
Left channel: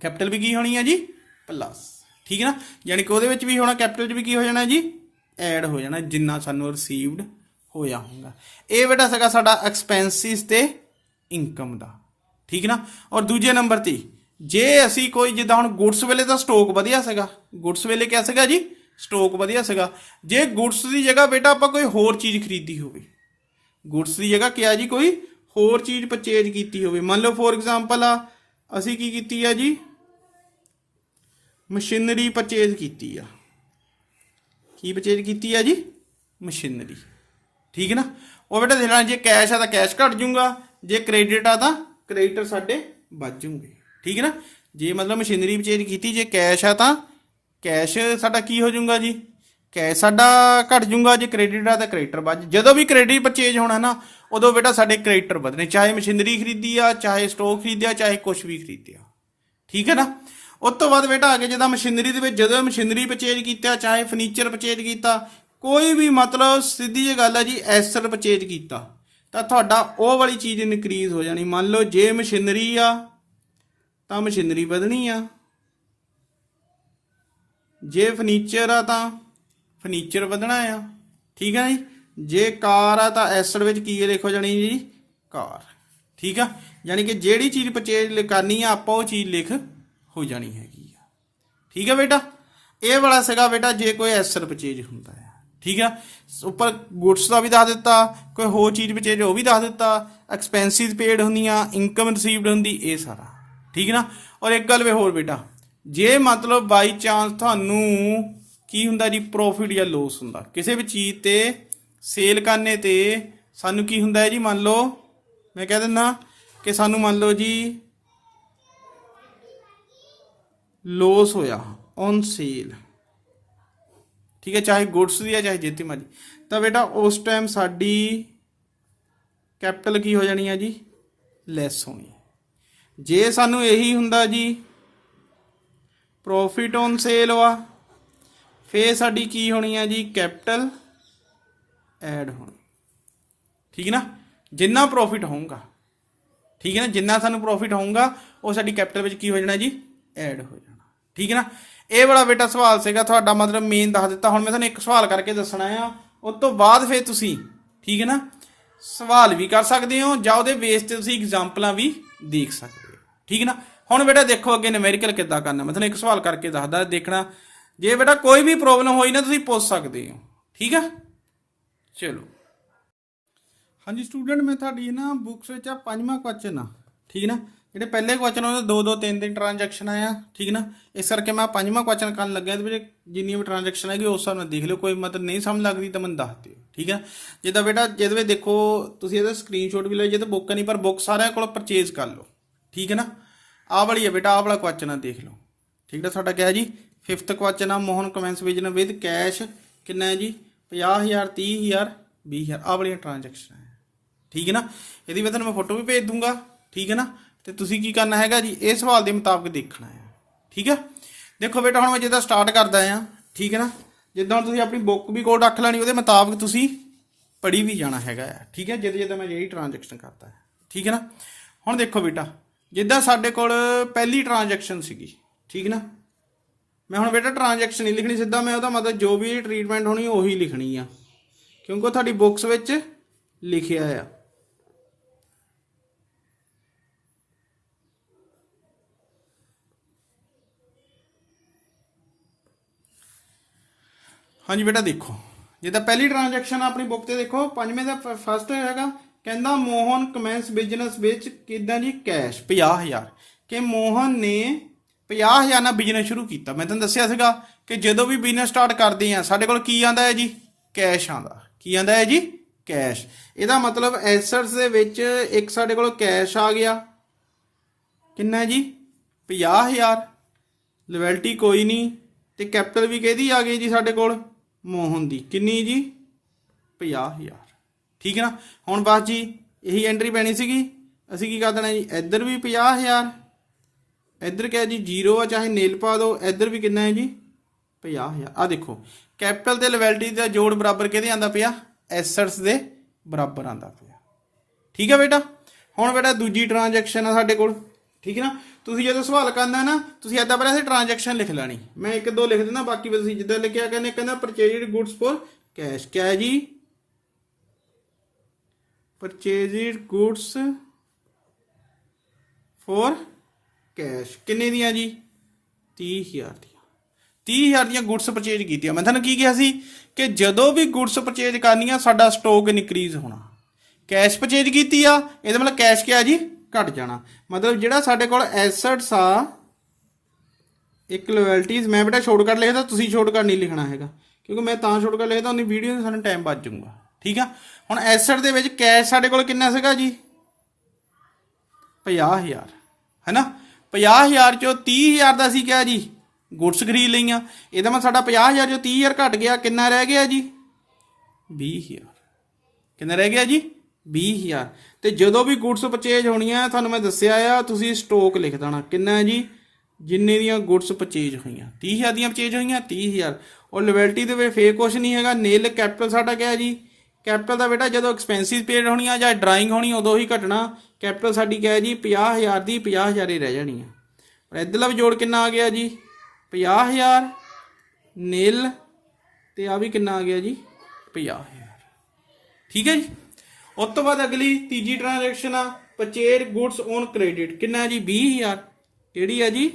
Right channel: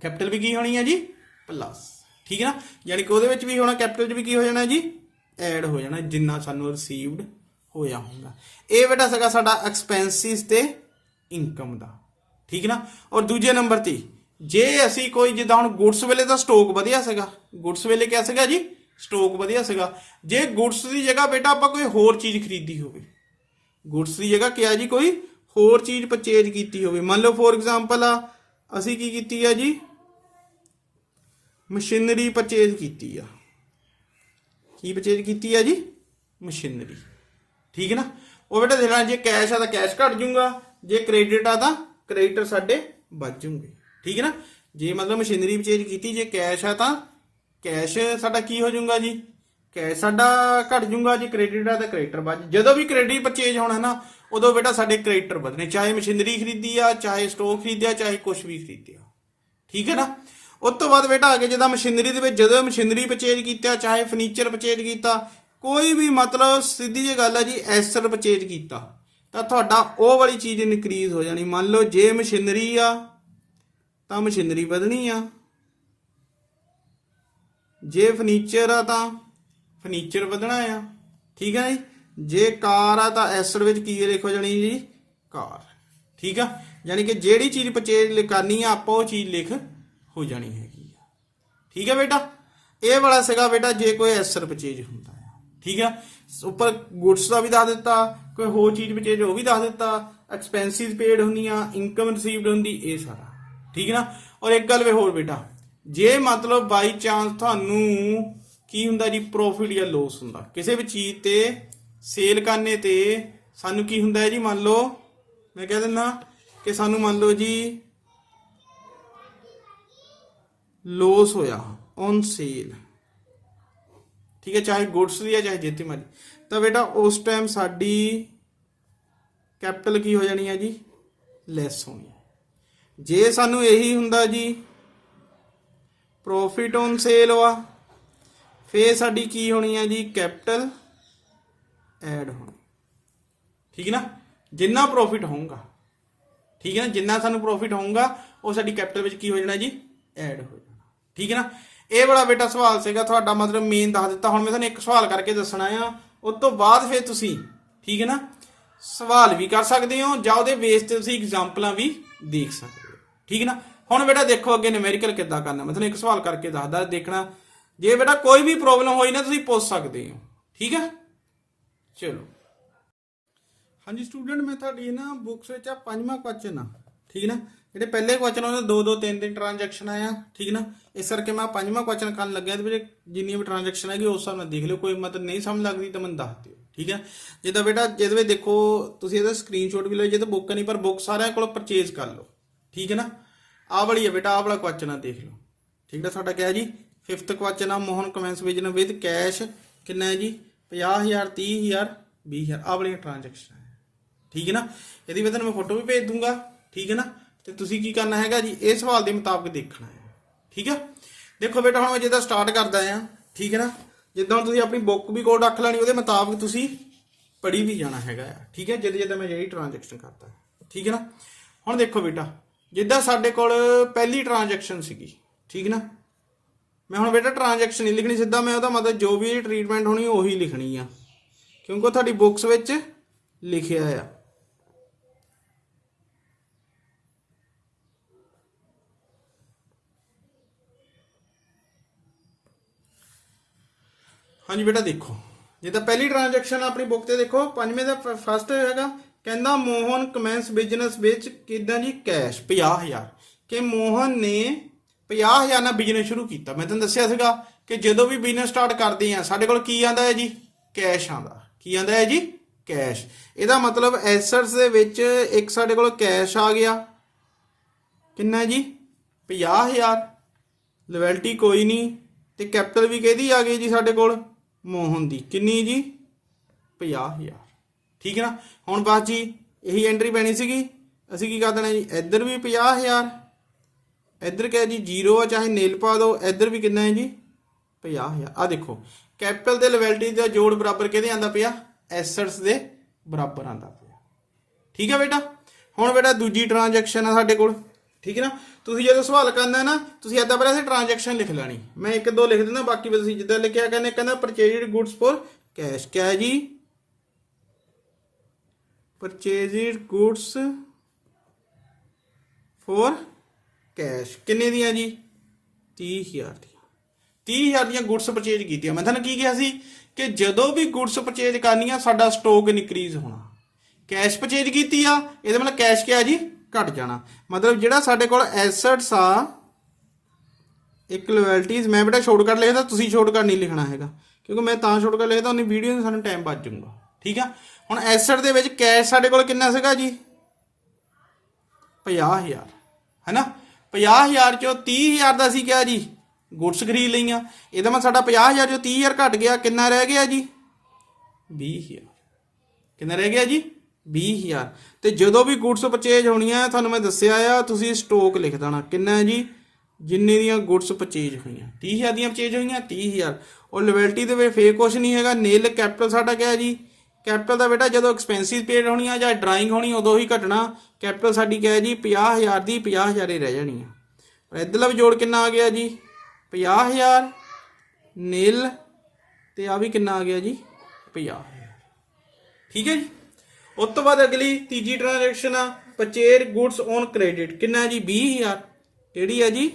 ਕੈਪੀਟਲ ਵੀ ਕੀ ਹੋਣੀ ਆ ਜੀ, ਪਲੱਸ। ਠੀਕ ਹੈ ਨਾ, ਯਾਨੀ ਕਿ ਉਹਦੇ ਵਿੱਚ ਵੀ ਹੋਣਾ, ਕੈਪੀਟਲ 'ਚ ਵੀ ਕੀ ਹੋ ਜਾਣਾ ਜੀ, ਐਡ ਹੋ ਜਾਣਾ ਜਿੰਨਾ ਸਾਨੂੰ ਰਿਸੀਵਡ ਹੋਇਆ ਹੁੰਦਾ। ਇਹ ਬੇਟਾ ਸੀਗਾ ਸਾਡਾ ਐਕਸਪੈਂਸਿਸ ਤੇ ਇਨਕਮ ਦਾ। ਠੀਕ ਨਾ। ਔਰ ਦੂਜੇ ਨੰਬਰ ਤੇ ਜੇ ਅਸੀਂ ਕੋਈ ਜਿੱਦਾਂ ਹੁਣ ਗੁੱਡਸ ਵੇਲੇ ਤਾਂ ਸਟਾਕ ਵਧੀਆ ਸੀਗਾ, ਗੁੱਡਸ ਵੇਲੇ ਕਿਆ ਸੀਗਾ ਜੀ, ਸਟਾਕ ਵਧੀਆ ਸੀਗਾ। ਜੇ ਗੁੱਡਸ ਦੀ ਜਗ੍ਹਾ ਬੇਟਾ ਆਪਾਂ ਕੋਈ ਹੋਰ ਚੀਜ਼ ਖਰੀਦੀ ਹੋਵੇ, ਗੁੱਡਸ ਦੀ ਜਗ੍ਹਾ ਕਿਆ ਜੀ ਕੋਈ ਹੋਰ ਚੀਜ਼ ਪਰਚੇਜ ਕੀਤੀ ਹੋਵੇ, ਮੰਨ ਲਓ ਫੋਰ ਐਗਜ਼ਾਮਪਲ ਆ ਅਸੀਂ ਕੀ ਕੀਤੀ ਆ ਜੀ, ਮਸ਼ੀਨਰੀ ਪਰਚੇਜ ਕੀਤੀ ਆ। ਕੀ ਪਰਚੇਜ ਕੀਤੀ ਆ ਜੀ, ਮਸ਼ੀਨਰੀ। ਠੀਕ ਹੈ ਨਾ। ਉਹ ਬੇਟਾ ਦੇਣਾ ਜੇ ਕੈਸ਼ ਆ ਤਾਂ ਕੈਸ਼ ਘਟ ਜੂਗਾ, ਜੇ ਕ੍ਰੈਡਿਟ ਆ ਤਾਂ ਕ੍ਰੈਡਿਟਰ ਸਾਡੇ ਵੱਧ ਜੂਗੇ। ਠੀਕ ਹੈ ਨਾ। ਜੇ ਮਤਲਬ ਮਸ਼ੀਨਰੀ ਪਰਚੇਜ ਕੀਤੀ, ਜੇ ਕੈਸ਼ ਆ ਤਾਂ ਕੈਸ਼ ਸਾਡਾ ਕੀ ਹੋ ਜਾਊਗਾ ਜੀ, ਕੈਸ਼ ਸਾਡਾ ਘਟ ਜੂਗਾ, ਜੇ ਕ੍ਰੈਡਿਟ ਆ ਤਾਂ ਕ੍ਰੈਡਿਟਰ ਵੱਧ। ਜਦੋਂ ਵੀ ਕ੍ਰੈਡਿਟ ਪਰਚੇਜ ਹੋਣਾ ਨਾ ਉਦੋਂ ਬੇਟਾ ਸਾਡੇ ਕ੍ਰੈਡਿਟਰ ਵਧਣੇ, ਚਾਹੇ ਮਸ਼ੀਨਰੀ ਖਰੀਦੀ ਆ, ਚਾਹੇ ਸਟਾਕ ਖਰੀਦਿਆ, ਚਾਹੇ ਕੁਝ ਵੀ ਖਰੀਦਿਆ। ਠੀਕ ਹੈ ਨਾ। ਉਸ ਤੋਂ ਬਾਅਦ ਬੇਟਾ ਆ ਗਿਆ ਜਿੱਦਾਂ ਮਸ਼ੀਨਰੀ ਦੇ ਵਿੱਚ, ਜਦੋਂ ਮਸ਼ੀਨਰੀ ਪਰਚੇਜ ਕੀਤਾ, ਚਾਹੇ ਫਰਨੀਚਰ ਪਰਚੇਜ ਕੀਤਾ, ਕੋਈ ਵੀ ਮਤਲਬ ਸਿੱਧੀ ਜਿਹੀ ਗੱਲ ਹੈ ਜੀ ਐਸਟ ਪਰਚੇਜ ਕੀਤਾ ਤਾਂ ਤੁਹਾਡਾ ਉਹ ਵਾਲੀ ਚੀਜ਼ ਇਨਕਰੀਜ਼ ਹੋ ਜਾਣੀ। ਮੰਨ ਲਓ ਜੇ ਮਸ਼ੀਨਰੀ ਆ ਤਾਂ ਮਸ਼ੀਨਰੀ ਵਧਣੀ ਆ, ਜੇ ਫਰਨੀਚਰ ਆ ਤਾਂ ਫਰਨੀਚਰ ਵਧਣਾ ਆ। ਠੀਕ ਹੈ ਜੀ। ਜੇ ਕਾਰ ਆ ਤਾਂ ਐਸਟ ਵਿੱਚ ਕੀ ਲਿਖ ਹੋ ਜਾਣੀ ਜੀ, ਕਾਰ। ਠੀਕ ਆ, ਯਾਨੀ ਕਿ ਜਿਹੜੀ ਚੀਜ਼ ਪਰਚੇਜ ਕਰਨੀ ਆ ਆਪਾਂ ਉਹ ਚੀਜ਼ ਲਿਖ ਹੋ ਜਾਣੀ ਹੈਗੀ ਆ। ਠੀਕ ਹੈ ਬੇਟਾ। ਇਹ ਵਾਲਾ ਸੀਗਾ ਬੇਟਾ ਜੇ ਕੋਈ ਐਸਟ ਪਰਚੇਜ ਹੁੰਦਾ ਹੈ। ਠੀਕ ਆ, ਉੱਪਰ ਗੁੱਡਸ ਦਾ ਵੀ ਦੱਸ ਦਿੱਤਾ, ਕੋਈ ਹੋਰ ਚੀਜ਼ ਪਰਚੇਜ ਉਹ ਵੀ ਦੱਸ ਦਿੱਤਾ, ਐਕਸਪੈਂਸਿਸ ਪੇਡ ਹੁੰਦੀਆਂ, ਇਨਕਮ ਰਿਸੀਵਡ ਹੁੰਦੀ, ਇਹ ਸਾਰਾ। ਠੀਕ ਨਾ। ਔਰ ਇੱਕ ਗੱਲ ਵੇ ਹੋਰ ਬੇਟਾ, ਜੇ ਮਤਲਬ ਬਾਈ ਚਾਂਸ ਤੁਹਾਨੂੰ ਕੀ ਹੁੰਦਾ ਜੀ, ਪ੍ਰੋਫਿਟ ਜਾਂ ਲੋਸ ਹੁੰਦਾ ਕਿਸੇ ਵੀ ਚੀਜ਼ ਤੇ ਸੇਲ ਕਰਨੇ ਤੇ, ਸਾਨੂੰ ਕੀ ਹੁੰਦਾ ਹੈ ਜੀ, ਮੰਨ ਲਓ ਮੈਂ ਕਹਿ ਦਿੰਦਾ ਕਿ ਸਾਨੂੰ ਮੰਨ ਲਓ ਜੀ ਲੋਸ ਹੋਇਆ ਔਨ ਸੇਲ। ਠੀਕ ਹੈ, ਚਾਹੇ ਗੁੱਡਸ ਦੀ ਹੈ ਚਾਹੇ ਜਿੱਤੀ ਮਰਜ਼ੀ, ਤਾਂ ਬੇਟਾ ਉਸ ਟਾਈਮ ਸਾਡੀ ਕੈਪੀਟਲ ਕੀ ਹੋ ਜਾਣੀ ਹੈ ਜੀ, ਲੈਸ ਹੋਣੀ ਹੈ। ਜੇ ਸਾਨੂੰ ਇਹੀ ਹੁੰਦਾ ਜੀ ਪ੍ਰੋਫਿਟ ਔਨ ਸੇਲ ਵਾ, ਫੇਰ ਸਾਡੀ ਕੀ ਹੋਣੀ ਹੈ ਜੀ, ਕੈਪੀਟਲ ਐਡ ਹੋਣੀ। ਠੀਕ ਹੈ ਨਾ। ਜਿੰਨਾ ਪ੍ਰੋਫਿਟ ਹੋਊਗਾ, ਠੀਕ ਹੈ ਨਾ, ਜਿੰਨਾ ਸਾਨੂੰ ਪ੍ਰੋਫਿਟ ਹੋਊਗਾ ਉਹ ਸਾਡੀ ਕੈਪੀਟਲ ਵਿੱਚ ਕੀ ਹੋ ਜਾਣਾ ਜੀ, ਐਡ ਹੋ ਜਾਣਾ। ਠੀਕ ਹੈ ਨਾ। ਇਹ ਵਾਲਾ ਬੇਟਾ ਸਵਾਲ ਸੀਗਾ ਤੁਹਾਡਾ, ਮਤਲਬ ਮੇਨ ਦੱਸ ਦਿੱਤਾ। ਹੁਣ ਮੈਂ ਤੁਹਾਨੂੰ ਇੱਕ ਸਵਾਲ ਕਰਕੇ ਦੱਸਣਾ ਆ, ਉਸ ਤੋਂ ਬਾਅਦ ਫਿਰ ਤੁਸੀਂ ਠੀਕ ਹੈ ਨਾ ਸਵਾਲ ਵੀ ਕਰ ਸਕਦੇ ਹੋ ਜਾਂ ਉਹਦੇ ਬੇਸ ਤੇ ਤੁਸੀਂ ਐਗਜ਼ਾਮਪਲਾਂ ਵੀ ਦੇਖ ਸਕਦੇ ਹੋ। ਠੀਕ ਹੈ ਨਾ। ਹੁਣ ਬੇਟਾ ਦੇਖੋ ਅੱਗੇ ਨਿਊਮੈਰੀਕਲ ਕਿੱਦਾਂ ਕਰਨਾ, ਮੈਂ ਤੁਹਾਨੂੰ ਇੱਕ ਸਵਾਲ ਕਰਕੇ ਦੱਸਦਾ, ਦੇਖਣਾ। ਜੇ ਬੇਟਾ ਕੋਈ ਵੀ ਪ੍ਰੋਬਲਮ ਹੋਈ ਨਾ ਤੁਸੀਂ ਪੁੱਛ ਸਕਦੇ ਹੋ। ਠੀਕ ਹੈ, ਚਲੋ। ਹਾਂਜੀ ਸਟੂਡੈਂਟ, ਮੈਂ ਤੁਹਾਡੀ ਨਾ ਬੁੱਕਸ ਵਿੱਚ ਆ 5ਵਾਂ ਕੁਐਸਚਨ ਆ। ਠੀਕ ਨਾ। ਜਿਹੜੇ ਪਹਿਲੇ ਕੁਐਸਚਨ ਉਹ 2-2 3-3 ਟ੍ਰਾਂਜੈਕਸ਼ਨ ਆਇਆ। ਠੀਕ ਨਾ। ਇਸ ਕਰਕੇ ਮੈਂ 5ਵਾਂ ਕੁਐਸਚਨ ਕਰਨ ਲੱਗਿਆ, ਇਹਦੇ ਵਿੱਚ ਜਿੰਨੀ ਵੀ ਟ੍ਰਾਂਜੈਕਸ਼ਨ ਹੈਗੀ ਉਸ ਹਿਸਾਬ ਨਾਲ ਦੇਖ ਲਿਓ, ਕੋਈ ਮਤਲਬ ਨਹੀਂ ਸਮਝ ਲੱਗਦੀ ਤਾਂ ਮੈਨੂੰ ਦੱਸ ਦਿਓ। ਠੀਕ ਹੈ। ਜਿੱਦਾਂ ਬੇਟਾ ਜਿਹਦੇ ਵਿੱਚ ਦੇਖੋ ਤੁਸੀਂ ਇਹਦਾ ਸਕਰੀਨਸ਼ਾਟ ਵੀ ਲਓ, ਜੇ ਤਾਂ ਬੁੱਕ ਨਹੀਂ ਪਰ ਬੁੱਕ ਸਾਰਿਆਂ ਕੋਲ ਪਰਚੇਜ਼ ਕਰ ਲਓ। ਠੀਕ ਹੈ ਨਾ। ਆਹ ਵਾਲੀ ਹੈ ਬੇਟਾ, ਆਹ ਵਾਲਾ ਕੁਐਸਚਨ ਆ, ਦੇਖ ਲਓ। ਠੀਕ ਹੈ, ਤੁਹਾਡਾ ਕਿਹਾ ਜੀ 5th ਕੁਐਸਚਨ ਆ, Mohan commence business with cash ਕਿੰਨਾ ਹੈ ਜੀ, 50,000 30,000 20,000। ਆਹ ਵਾਲੀਆਂ ਟ੍ਰਾਂਜੈਕਸ਼ਨ ਹੈ। ਠੀਕ ਹੈ ਨਾ। ਇਹਦੀ ਮੈਂ ਤੁਹਾਨੂੰ ਫੋਟੋ ਵੀ ਭੇਜ ਦੂੰਗਾ। ਠੀਕ ਹੈ ਨਾ। ਤੇ ਤੁਸੀਂ ਕੀ ਕਰਨਾ ਹੈਗਾ ਜੀ, ਇਹ ਸਵਾਲ ਦੇ ਮੁਤਾਬਕ ਦੇਖਣਾ ਹੈ। ਠੀਕ ਹੈ। ਦੇਖੋ ਬੇਟਾ ਹੁਣ ਮੈਂ ਜਿੱਦਾਂ ਸਟਾਰਟ ਕਰਦਾ ਆ। ਠੀਕ ਹੈ ਨਾ। ਜਿੱਦਾਂ ਹੁਣ ਤੁਸੀਂ ਆਪਣੀ ਬੁੱਕ ਵੀ ਕੋਲ ਰੱਖ ਲੈਣੀ, ਉਹਦੇ ਮੁਤਾਬਕ ਤੁਸੀਂ ਪੜ੍ਹੀ ਵੀ ਜਾਣਾ ਹੈਗਾ ਆ। ਠੀਕ ਹੈ, ਜਿੱਦਾਂ ਮੈਂ ਜਿਹੜੀ ਟ੍ਰਾਂਜੈਕਸ਼ਨ ਕਰਦਾ ਹੈ। ਠੀਕ ਹੈ ਨਾ। ਹੁਣ ਦੇਖੋ ਬੇਟਾ, ਜਿੱਦਾਂ ਸਾਡੇ ਕੋਲ ਪਹਿਲੀ ਟ੍ਰਾਂਜੈਕਸ਼ਨ ਸੀਗੀ। ਠੀਕ ਨਾ। ਮੈਂ ਹੁਣ ਬੇਟਾ ਟ੍ਰਾਂਜੈਕਸ਼ਨ ਨਹੀਂ ਲਿਖਣੀ, ਸਿੱਧਾ ਮੈਂ ਉਹਦਾ ਮਤਲਬ ਜੋ ਵੀ ਟ੍ਰੀਟਮੈਂਟ ਹੋਣੀ ਉਹੀ ਲਿਖਣੀ ਆ, ਕਿਉਂਕਿ ਉਹ ਤੁਹਾਡੀ ਬੁੱਕਸ ਵਿੱਚ ਲਿਖਿਆ ਆ। ਹਾਂਜੀ ਬੇਟਾ ਦੇਖੋ, ਜਿੱਦਾਂ ਪਹਿਲੀ ਟ੍ਰਾਂਜੈਕਸ਼ਨ ਆਪਣੀ ਬੁੱਕ ਤੇ ਦੇਖੋ 5ਵੇਂ ਦਾ ਫਸਟ ਹੈਗਾ, ਕਹਿੰਦਾ ਮੋਹਨ ਕਮੈਂਸ ਬਿਜ਼ਨਸ ਵਿੱਚ ਕਿੱਦਾਂ ਜੀ, ਕੈਸ਼ 50,000। ਕਿ ਮੋਹਨ ਨੇ 50,000 ਨਾਲ ਬਿਜ਼ਨਸ ਸ਼ੁਰੂ ਕੀਤਾ। ਮੈਂ ਤੁਹਾਨੂੰ ਦੱਸਿਆ ਸੀਗਾ ਕਿ ਜਦੋਂ ਵੀ ਬਿਜ਼ਨਸ ਸਟਾਰਟ ਕਰਦੇ ਆ ਸਾਡੇ ਕੋਲ ਕੀ ਆਂਦਾ ਹੈ ਜੀ, ਕੈਸ਼ ਆਂਦਾ। ਕੀ ਆਂਦਾ ਹੈ ਜੀ, ਕੈਸ਼। ਇਹਦਾ ਮਤਲਬ ਐਸੈਟਸ ਦੇ ਵਿੱਚ ਇੱਕ ਸਾਡੇ ਕੋਲ ਕੈਸ਼ ਆ ਗਿਆ, ਕਿੰਨਾ ਜੀ, 50,000। ਲਾਇਬਿਲਟੀ ਕੋਈ ਨਹੀਂ, ਤੇ ਕੈਪੀਟਲ ਵੀ ਕਿਹਦੀ ਆ ਗਈ ਜੀ ਸਾਡੇ ਕੋਲ, ਮੋਹਨ ਦੀ। ਕਿੰਨੀ ਜੀ, 50,000। ਠੀਕ ਹੈ ਨਾ। ਹੁਣ ਬਸ ਜੀ ਇਹੀ ਐਂਟਰੀ ਪੈਣੀ ਸੀਗੀ। ਅਸੀਂ ਕੀ ਕਰ ਦੇਣਾ ਜੀ, ਇੱਧਰ ਵੀ 50,000, ਇੱਧਰ ਕਿਹਾ ਜੀ 0 ਆ, ਚਾਹੇ ਨੀਲ ਪਾ ਦਿਓ। ਇੱਧਰ ਵੀ ਕਿੰਨਾ ਹੈ ਜੀ, 50,000। ਆ ਦੇਖੋ ਕੈਪੀਟਲ ਤੇ ਲਾਇਬਿਲਟੀ ਦਾ ਜੋੜ ਬਰਾਬਰ ਕਿਹਦੇ ਆਂਦਾ ਪਿਆ, ਐਸੈਟਸ ਦੇ ਬਰਾਬਰ ਆਂਦਾ ਪਿਆ। ਠੀਕ ਹੈ ਬੇਟਾ। ਹੁਣ ਬੇਟਾ ਦੂਜੀ ਟ੍ਰਾਂਜੈਕਸ਼ਨ ਆ ਸਾਡੇ ਕੋਲ। ਠੀਕ ਹੈ ਨਾ। ਤੁਸੀਂ ਜਦੋਂ ਸਵਾਲ ਕਰਨਾ ਨਾ, ਤੁਸੀਂ ਇੱਦਾਂ ਪਹਿਲਾਂ ਅਸੀਂ ਟ੍ਰਾਂਜੈਕਸ਼ਨ ਲਿਖ ਲੈਣੀ। ਮੈਂ ਇੱਕ ਦੋ ਲਿਖ ਦਿੰਦਾ, ਬਾਕੀ ਤੁਸੀਂ ਜਿੱਦਾਂ ਲਿਖਿਆ ਕਹਿੰਦੇ, ਕਹਿੰਦਾ ਪਰਚੇਜ਼ਡ ਗੁੱਡਸ ਫॉर ਕੈਸ਼। ਕਿਆ ਹੈ ਜੀ, ਪਰਚੇਜ਼ਡ ਗੁੱਡਸ ਫॉर ਕੈਸ਼। ਕਿੰਨੇ ਦੀਆਂ ਜੀ, 30,000 ਦੀਆਂ। 30,000 ਦੀਆਂ ਗੁੱਡਸ ਪਰਚੇਜ ਕੀਤੀਆਂ। ਮੈਂ ਤੁਹਾਨੂੰ ਕੀ ਕਿਹਾ ਸੀ ਕਿ ਜਦੋਂ ਵੀ ਗੁੱਡਸ ਪਰਚੇਜ ਕਰਨੀ ਆ ਸਾਡਾ ਸਟਾਕ ਇਨਕਰੀਜ਼ ਹੋਣਾ। ਕੈਸ਼ ਪਰਚੇਜ ਕੀਤੀ ਆ, ਇਹਦਾ ਮਤਲਬ ਕੈਸ਼ ਕਿਹਾ ਜੀ, ਘਟ ਜਾਣਾ। ਮਤਲਬ ਜਿਹੜਾ ਸਾਡੇ ਕੋਲ ਐਸੈਟਸ ਆ, ਇੱਕ ਲਾਇਬਿਲਟੀਜ਼, ਮੈਂ ਬੇਟਾ ਸ਼ਾਰਟਕਟ ਲਿਖਦਾ, ਤੁਸੀਂ ਸ਼ਾਰਟਕਟ ਨਹੀਂ ਲਿਖਣਾ ਹੈਗਾ, ਕਿਉਂਕਿ ਮੈਂ ਤਾਂ ਸ਼ਾਰਟਕਟ ਲਿਖਦਾ ਉਹਨੀ ਵੀਡੀਓ ਨੂੰ ਸਾਨੂੰ ਟਾਈਮ ਬਚ ਜਾਊਗਾ। ਠੀਕ ਆ। ਹੁਣ ਐਸੈਟ ਦੇ ਵਿੱਚ ਕੈਸ਼ ਸਾਡੇ ਕੋਲ ਕਿੰਨਾ ਸੀਗਾ ਜੀ, 50,000 ਹੈ ਨਾ। 50,000 ਚੋਂ 30,000 ਦਾ ਅਸੀਂ ਕਿਹਾ ਜੀ ਗੁੱਡਸ ਖਰੀਦ ਲਈਆਂ। ਇਹਦਾ ਮਤਲਬ ਸਾਡਾ 50,000 ਚੋਂ 30,000 ਘਟ ਗਿਆ, ਕਿੰਨਾ ਰਹਿ ਗਿਆ ਜੀ, 20,000। ਕਿੰਨਾ ਰਹਿ ਗਿਆ ਜੀ, 20,000। ਤੇ ਜਦੋਂ ਵੀ ਗੁੱਡਸ ਪਰਚੇਜ ਹੋਣੀਆਂ ਤੁਹਾਨੂੰ ਮੈਂ ਦੱਸਿਆ ਆ, ਤੁਸੀਂ ਸਟਾਕ ਲਿਖ ਦੇਣਾ। ਕਿੰਨਾ ਹੈ ਜੀ, ਜਿੰਨੇ ਦੀਆਂ ਗੁੱਡਸ ਪਰਚੇਜ ਹੋਈਆਂ, 30,000 ਦੀਆਂ ਪਰਚੇਜ ਹੋਈਆਂ, 30,000। ਔਰ ਲਾਇਬਿਲਟੀ ਦੇ ਵਿੱਚ ਫੇਰ ਕੁਛ ਨਹੀਂ ਹੈਗਾ। ਨੀਲ ਕੈਪੀਟਲ ਸਾਡਾ ਕਿਹਾ ਜੀ, ਕੈਪੀਟਲ ਦਾ ਬੇਟਾ ਜਦੋਂ ਐਕਸਪੈਂਸਿਸ ਪੇਡ ਹੋਣੀਆਂ ਜਾਂ ਡਰਾਇੰਗ ਹੋਣੀ ਉਦੋਂ ਹੀ ਘਟਣਾ। ਕੈਪੀਟਲ ਸਾਡੀ ਕਿਹਾ ਜੀ 50,000 ਦੀ 50,000 ਹੀ ਰਹਿ ਜਾਣੀ ਆ। ਪਰ ਇੱਧਰਲਾ ਵੀ ਜੋੜ ਕਿੰਨਾ ਆ ਗਿਆ ਜੀ, 50,000 ਨੀਲ, ਤੇ ਆ ਵੀ ਕਿੰਨਾ ਆ ਗਿਆ ਜੀ, 50,000। ਠੀਕ ਹੈ ਜੀ। ਉਸ ਤੋਂ ਬਾਅਦ ਅਗਲੀ ਤੀਜੀ ਟ੍ਰਾਂਜੈਕਸ਼ਨ ਆ, ਪਰਚੇਜ ਗੁੱਡਸ ਔਨ ਕ੍ਰੈਡਿਟ। ਕਿੰਨਾ ਜੀ, 20,000। ਕਿਹੜੀ ਹੈ ਜੀ,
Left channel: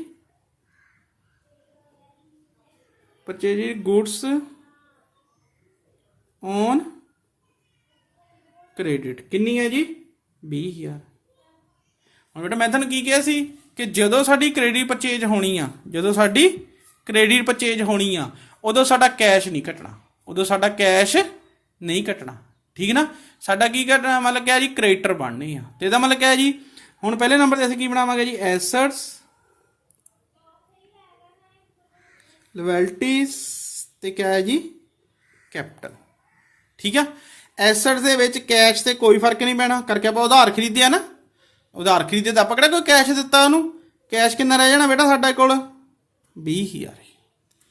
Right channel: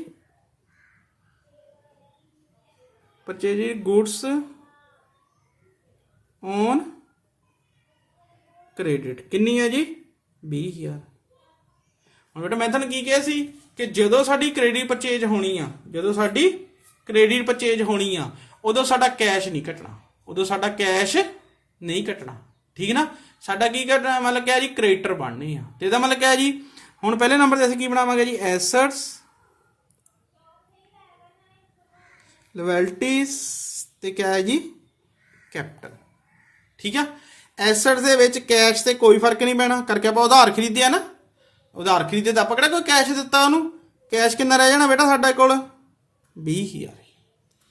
ਪਰਚੇਜ ਗੁੱਡਸ ਔਨ ਕ੍ਰੈਡਿਟ। ਕਿੰਨੀ ਹੈ ਜੀ, 20,000। ਹੁਣ ਬੇਟਾ ਮੈਂ ਤੁਹਾਨੂੰ ਕੀ ਕਿਹਾ ਸੀ ਕਿ ਜਦੋਂ ਸਾਡੀ ਕ੍ਰੈਡਿਟ ਪਰਚੇਜ ਹੋਣੀ ਆ, ਜਦੋਂ ਸਾਡੀ ਕ੍ਰੈਡਿਟ ਪਰਚੇਜ ਹੋਣੀ ਆ, ਉਦੋਂ ਸਾਡਾ ਕੈਸ਼ ਨਹੀਂ ਘਟਣਾ, ਉਦੋਂ ਸਾਡਾ ਕੈਸ਼ ਨਹੀਂ ਘਟਣਾ। ਠੀਕ ਨਾ। ਸਾਡਾ ਕੀ ਘਟਣਾ, ਮਤਲਬ ਕਿਹਾ ਜੀ ਕ੍ਰੈਡੀਟਰ ਬਣਨੀ ਆ। ਤੇ ਇਹਦਾ ਮਤਲਬ ਕਿਹਾ ਜੀ, ਹੁਣ ਪਹਿਲੇ ਨੰਬਰ ਤੇ ਅਸੀਂ ਕੀ ਬਣਾਵਾਂਗੇ ਜੀ, ਐਸੈਟਸ, ਲਾਇਬਿਲਟੀਜ਼, ਤੇ ਕਿਆ ਹੈ ਜੀ, ਕੈਪੀਟਲ। ਠੀਕ ਆ। ਐਸੈਟਸ ਦੇ ਵਿੱਚ ਕੈਸ਼ ਤੇ ਕੋਈ ਫਰਕ ਨਹੀਂ ਪੈਣਾ, ਕਰਕੇ ਆਪਾਂ ਉਧਾਰ ਖਰੀਦਿਆ ਨਾ, ਉਧਾਰ ਖਰੀਦੇ ਤਾਂ ਆਪਾਂ ਕਿਹੜਾ ਕੋਈ ਕੈਸ਼ ਦਿੱਤਾ ਉਹਨੂੰ। ਕੈਸ਼ ਕਿੰਨਾ ਰਹਿ ਜਾਣਾ ਬੇਟਾ ਸਾਡੇ ਕੋਲ, 20,000।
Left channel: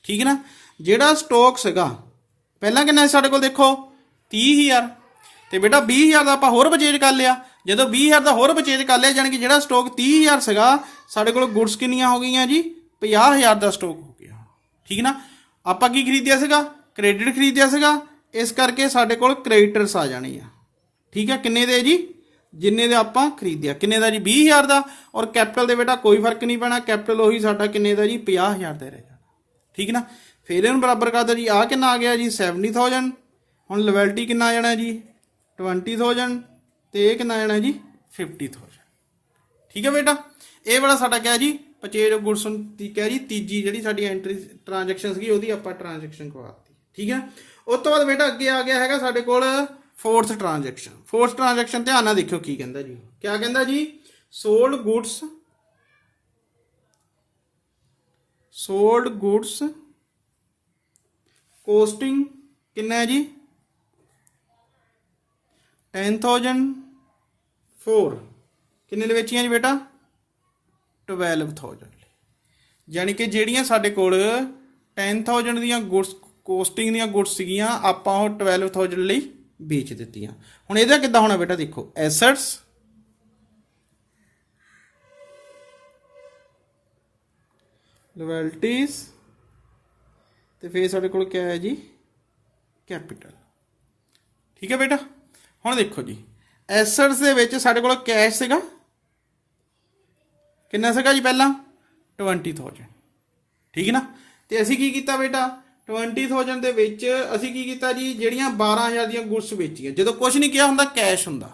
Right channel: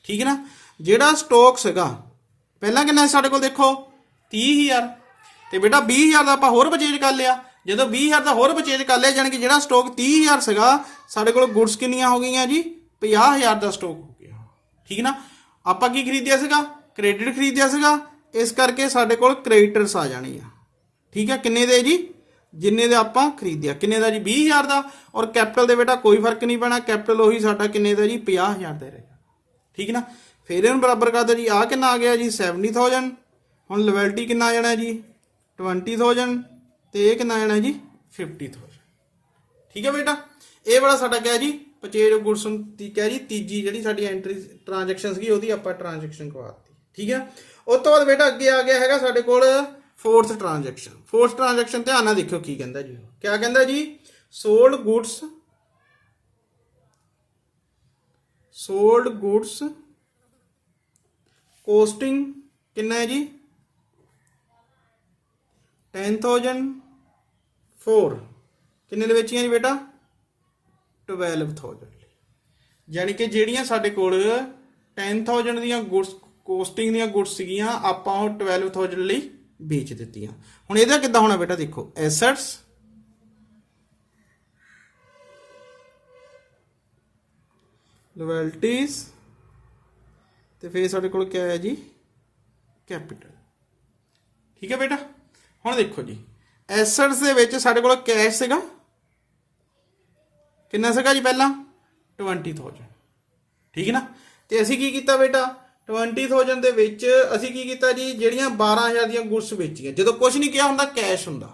ਠੀਕ ਹੈ ਨਾ। ਜਿਹੜਾ ਸਟਾਕ ਸੀਗਾ ਪਹਿਲਾਂ ਕਿੰਨਾ ਸੀ ਸਾਡੇ ਕੋਲ, ਦੇਖੋ 30,000, ਤੇ ਬੇਟਾ 20,000 ਦਾ ਆਪਾਂ ਹੋਰ ਪਰਚੇਜ ਕਰ ਲਿਆ। ਜਦੋਂ 20,000 ਦਾ ਹੋਰ ਪਰਚੇਜ ਕਰ ਲਿਆ, ਜਾਣੀ ਕਿ ਜਿਹੜਾ ਸਟਾਕ 30,000 ਸੀਗਾ ਸਾਡੇ ਕੋਲ ਗੁੱਡਸ ਕਿੰਨੀਆਂ ਹੋ ਗਈਆਂ ਜੀ, 50,000 ਦਾ ਸਟਾਕ ਹੋ ਗਿਆ। ਠੀਕ ਨਾ। ਆਪਾਂ ਕੀ ਖਰੀਦਿਆ ਸੀਗਾ, ਕ੍ਰੈਡਿਟ ਖਰੀਦਿਆ ਸੀਗਾ, ਇਸ ਕਰਕੇ ਸਾਡੇ ਕੋਲ ਕ੍ਰੈਡੀਟਰਸ ਆ ਜਾਣੀ ਆ। ਠੀਕ ਹੈ। ਕਿੰਨੇ ਦੇ ਜੀ, ਜਿੰਨੇ ਦੇ ਆਪਾਂ ਖਰੀਦਿਆ। ਕਿੰਨੇ ਦਾ ਜੀ, 20,000 ਦਾ। ਔਰ ਕੈਪੀਟਲ ਦੇ ਬੇਟਾ ਕੋਈ ਫਰਕ ਨਹੀਂ ਪੈਣਾ, ਕੈਪੀਟਲ ਉਹੀ ਸਾਡਾ ਕਿੰਨੇ ਦਾ ਜੀ, 50,000 ਦਾ ਰਹੇਗਾ। ਠੀਕ ਨਾ। ਫਿਰ ਇਹਨੂੰ ਬਰਾਬਰ ਕਰ ਦਿਓ ਜੀ, ਆਹ ਕਿੰਨਾ ਆ ਗਿਆ ਜੀ, 70,000। ਹੁਣ ਲਾਇਬਿਲਟੀ ਕਿੰਨਾ ਆ ਜਾਣਾ ਜੀ, 20,000, ਤੇ ਇਹ ਕਿੰਨਾ ਆ ਜਾਣਾ ਜੀ, 50,000। ਠੀਕ ਹੈ ਬੇਟਾ। ਇਹ ਵਾਲਾ ਸਾਡਾ ਕਿਹਾ ਜੀ ਪਰਚੇਜ ਗੁੱਡਸ ਦੀ ਕਿਹਾ ਜੀ ਤੀਜੀ ਜਿਹੜੀ ਸਾਡੀ ਐਂਟਰੀ ਟ੍ਰਾਂਜੈਕਸ਼ਨ ਸੀਗੀ, ਉਹਦੀ ਆਪਾਂ ਟ੍ਰਾਂਜੈਕਸ਼ਨ ਕਰਵਾਤੀ। ਠੀਕ ਹੈ। ਉਸ ਤੋਂ ਬਾਅਦ ਬੇਟਾ ਅੱਗੇ ਆ ਗਿਆ ਹੈਗਾ ਸਾਡੇ ਕੋਲ ਫੋਰਥ ਟ੍ਰਾਂਜੈਕਸ਼ਨ। ਫੋਰਥ ਟ੍ਰਾਂਜੈਕਸ਼ਨ ਧਿਆਨ ਨਾਲ ਦੇਖਿਓ ਕੀ ਕਹਿੰਦਾ ਜੀ। ਕਿਆ ਕਹਿੰਦਾ ਜੀ, ਸੋਲਡ ਗੁੱਡਸ ਕੋਸਟਿੰਗ ਕਿੰਨਾ ਹੈ ਜੀ, 10,000 4 ਕਿੰਨੇ ਦੇ ਵੇਚੀਆਂ ਜੀ ਬੇਟਾ, 12,000। ਯਾਨੀ ਕਿ ਜਿਹੜੀਆਂ ਸਾਡੇ ਕੋਲ 10,000 ਦੀਆਂ ਗੁੱਡਸ ਕੋਸਟਿੰਗ ਦੀਆਂ ਗੁੱਡਸ ਸੀਗੀਆਂ, ਆਪਾਂ ਉਹ 12,000 ਲਈ ਵੇਚ ਦਿੱਤੀਆਂ। ਹੁਣ ਇਹਦਾ ਕਿੱਦਾਂ ਹੋਣਾ ਬੇਟਾ, ਦੇਖੋ ਐਸੈਟਸ, ਲਾਇਬਿਲਟੀਜ਼, ਤੇ ਫਿਰ ਸਾਡੇ ਕੋਲ ਕਿਆ ਹੈ ਜੀ, ਕੈਪੀਟਲ। ਠੀਕ ਹੈ ਬੇਟਾ। ਹੁਣ ਦੇਖੋ ਜੀ, ਐਸੈਟਸ ਦੇ ਵਿੱਚ ਸਾਡੇ ਕੋਲ ਕੈਸ਼ ਸੀਗਾ, ਕਿੰਨਾ ਸੀਗਾ ਜੀ ਪਹਿਲਾਂ, 20,000। ਠੀਕ ਹੈ ਨਾ। ਤੇ ਅਸੀਂ ਕੀ ਕੀਤਾ ਬੇਟਾ, 20,000 ਦੇ ਵਿੱਚ ਅਸੀਂ ਕੀ ਕੀਤਾ ਜੀ, ਜਿਹੜੀਆਂ 12,000 ਦੀਆਂ ਗੁੱਡਸ ਵੇਚੀਆਂ। ਜਦੋਂ ਕੁਝ ਨਹੀਂ ਕਿਹਾ ਹੁੰਦਾ, ਕੈਸ਼ ਹੁੰਦਾ,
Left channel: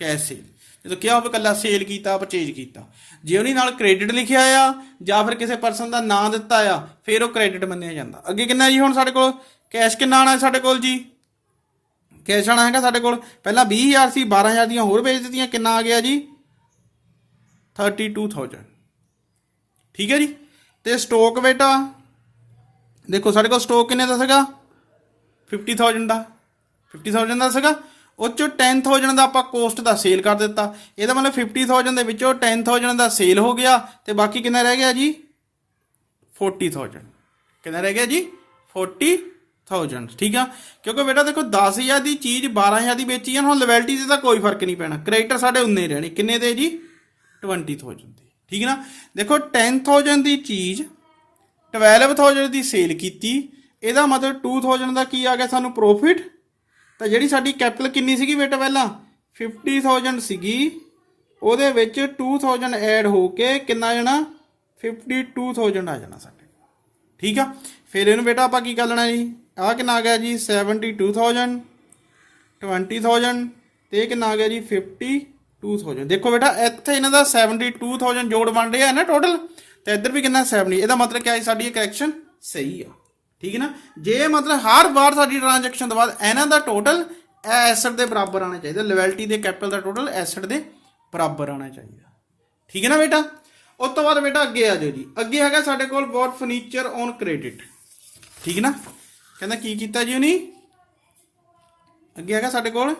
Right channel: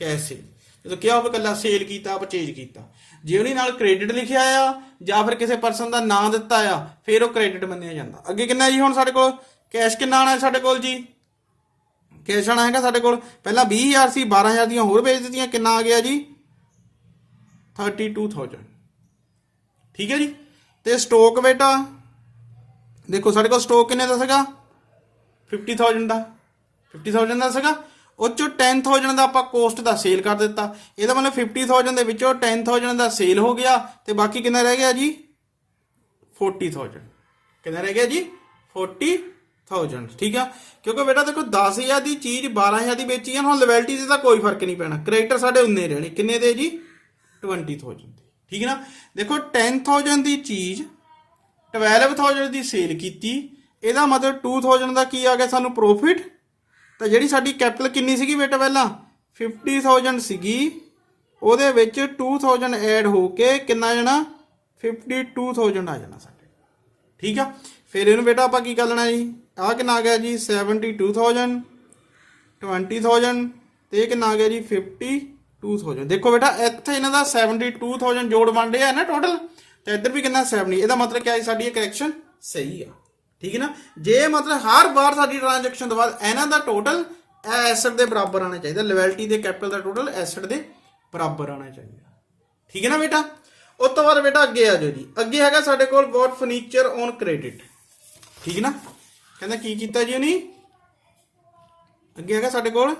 ਕੈਸ਼ ਸੀ। ਜਦੋਂ ਕਿਹਾ ਹੋਵੇ ਕੱਲਾ ਸੇਲ ਕੀਤਾ ਪਰਚੇਜ ਕੀਤਾ। ਜੇ ਉਹਨੇ ਨਾਲ ਕ੍ਰੈਡਿਟ ਲਿਖਿਆ ਆ ਜਾਂ ਫਿਰ ਕਿਸੇ ਪਰਸਨ ਦਾ ਨਾਂ ਦਿੱਤਾ ਆ ਫਿਰ ਉਹ ਕ੍ਰੈਡਿਟ ਮੰਨਿਆ ਜਾਂਦਾ। ਅੱਗੇ ਕਿੰਨਾ ਜੀ ਹੁਣ ਸਾਡੇ ਕੋਲ ਕੈਸ਼ ਕਿੰਨਾ ਆਣਾ ਸਾਡੇ ਕੋਲ ਜੀ? ਕੈਸ਼ ਆਣਾ ਹੈਗਾ ਸਾਡੇ ਕੋਲ ਪਹਿਲਾਂ 20,000 ਸੀ, 12,000 ਦੀਆਂ ਹੋਰ ਵੇਚ ਦਿੱਤੀਆਂ, ਕਿੰਨਾ ਆ ਗਿਆ ਜੀ 32,000। ਠੀਕ ਹੈ ਜੀ। ਤੇ ਸਟਾਕ ਬੇਟਾ ਦੇਖੋ ਸਾਡੇ ਕੋਲ ਸਟਾਕ ਕਿੰਨੇ ਦਾ ਸੀਗਾ 50,000 ਦਾ 50,000 ਦਾ ਸੀਗਾ। ਉਹ ਚੋਂ 10,000 ਦਾ ਆਪਾਂ ਕੋਸਟ ਦਾ ਸੇਲ ਕਰ ਦਿੱਤਾ। ਇਹਦਾ ਮਤਲਬ 50,000 ਦੇ ਵਿੱਚੋਂ 10,000 ਦਾ ਸੇਲ ਹੋ ਗਿਆ ਤੇ ਬਾਕੀ ਕਿੰਨਾ ਰਹਿ ਗਿਆ ਜੀ 40,000। ਕਿੰਨਾ ਰਹਿ ਗਿਆ ਜੀ 40,000। ਠੀਕ ਆ, ਕਿਉਂਕਿ ਬੇਟਾ ਦੇਖੋ 10,000 ਦੀ ਚੀਜ਼ 12,000 ਦੀ ਵੇਚੀ ਆ। ਹੁਣ ਲੋਇਲਟੀ ਤੇ ਤਾਂ ਕੋਈ ਫਰਕ ਨਹੀਂ ਪੈਣਾ, ਕ੍ਰੈਡਿਟਰ ਸਾਡੇ ਉਨੇ ਰਹਿਣੇ ਕਿੰਨੇ ਦੇ ਜੀ 20,000 ਦੇ। ਠੀਕ ਨਾ, ਦੇਖੋ 10,000 ਦੀ ਚੀਜ਼ 12,000 ਦੀ ਸੇਲ ਕੀਤੀ, ਇਹਦਾ ਮਤਲਬ 2,000 ਦਾ ਕੀ ਆ ਗਿਆ ਸਾਨੂੰ ਪ੍ਰੋਫਿਟ। ਤਾਂ ਜਿਹੜੀ ਸਾਡੀ ਕੈਪੀਟਲ ਕਿੰਨੀ ਸੀਗੀ ਬੇਟਾ ਪਹਿਲਾਂ 50,000 ਸੀਗੀ, ਉਹਦੇ ਵਿੱਚ 2,000 ਐਡ ਹੋ ਕੇ ਕਿੰਨਾ ਜਾਣਾ 52,000 ਆ ਜਾਣਾ ਸਾਡੇ। ਠੀਕ ਆ, ਫਿਰ ਇਹਨੂੰ ਬੇਟਾ ਆਪਾਂ ਕੀ ਕਰ ਲੈਣਾ ਜੀ, ਆਹ ਕਿੰਨਾ ਆ ਗਿਆ ਜੀ 72,000 20,000 ਤੇ ਇਹ ਕਿੰਨਾ ਆ ਗਿਆ ਜੀ 52,000। ਦੇਖੋ ਬੇਟਾ ਇੱਥੇ ਇਹਨਾਂ ਦਾ 72,000 ਜੋੜ ਬਣ ਰਿਹਾ ਨਾ ਟੋਟਲ, ਤੇ ਇੱਧਰ ਵੀ ਕਿੰਨਾ 70। ਇਹਦਾ ਮਤਲਬ ਕਿਆ ਹੈ ਸਾਡੀ ਇਹ ਕਰੈਕਸ਼ਨ ਸਹੀ ਆ। ਠੀਕ ਹੈ ਨਾ, ਜੇ ਮਤਲਬ ਹਰ ਵਾਰ ਸਾਡੀ ਟ੍ਰਾਂਜੈਕਸ਼ਨ ਤੋਂ ਬਾਅਦ ਇਹਨਾਂ ਦਾ ਟੋਟਲ ਐਸਟ ਦੇ ਬਰਾਬਰ ਆਉਣਾ ਚਾਹੀਦਾ, ਲੋਇਲਟੀ ਦੇ ਕੈਪੀਟਲ ਦਾ ਟੋਟਲ ਐਸਟ ਦੇ ਬਰਾਬਰ ਆਉਣਾ ਚਾਹੀਦਾ। ਠੀਕ ਹੈ ਨਾ ਬੇਟਾ। ਉਸ ਤੋਂ ਬਾਅਦ ਬੇਟਾ ਅੱਗੇ ਆ ਜਾਓ ਜੀ, ਅੱਗੇ ਹੈਗਾ ਸਾਡੇ ਕੋਲ ਬੋਟ ਫਰਨੀਚਰ ਔਨ ਕ੍ਰੈਡਿਟ। ਠੀਕ ਨਾ, ਕਹਿੰਦਾ ਕੀ ਕੀਤਾ ਜੀ ਉਹਨੇ, ਅੱਗੇ ਹੈਗਾ ਸਾਡੇ ਕੋਲ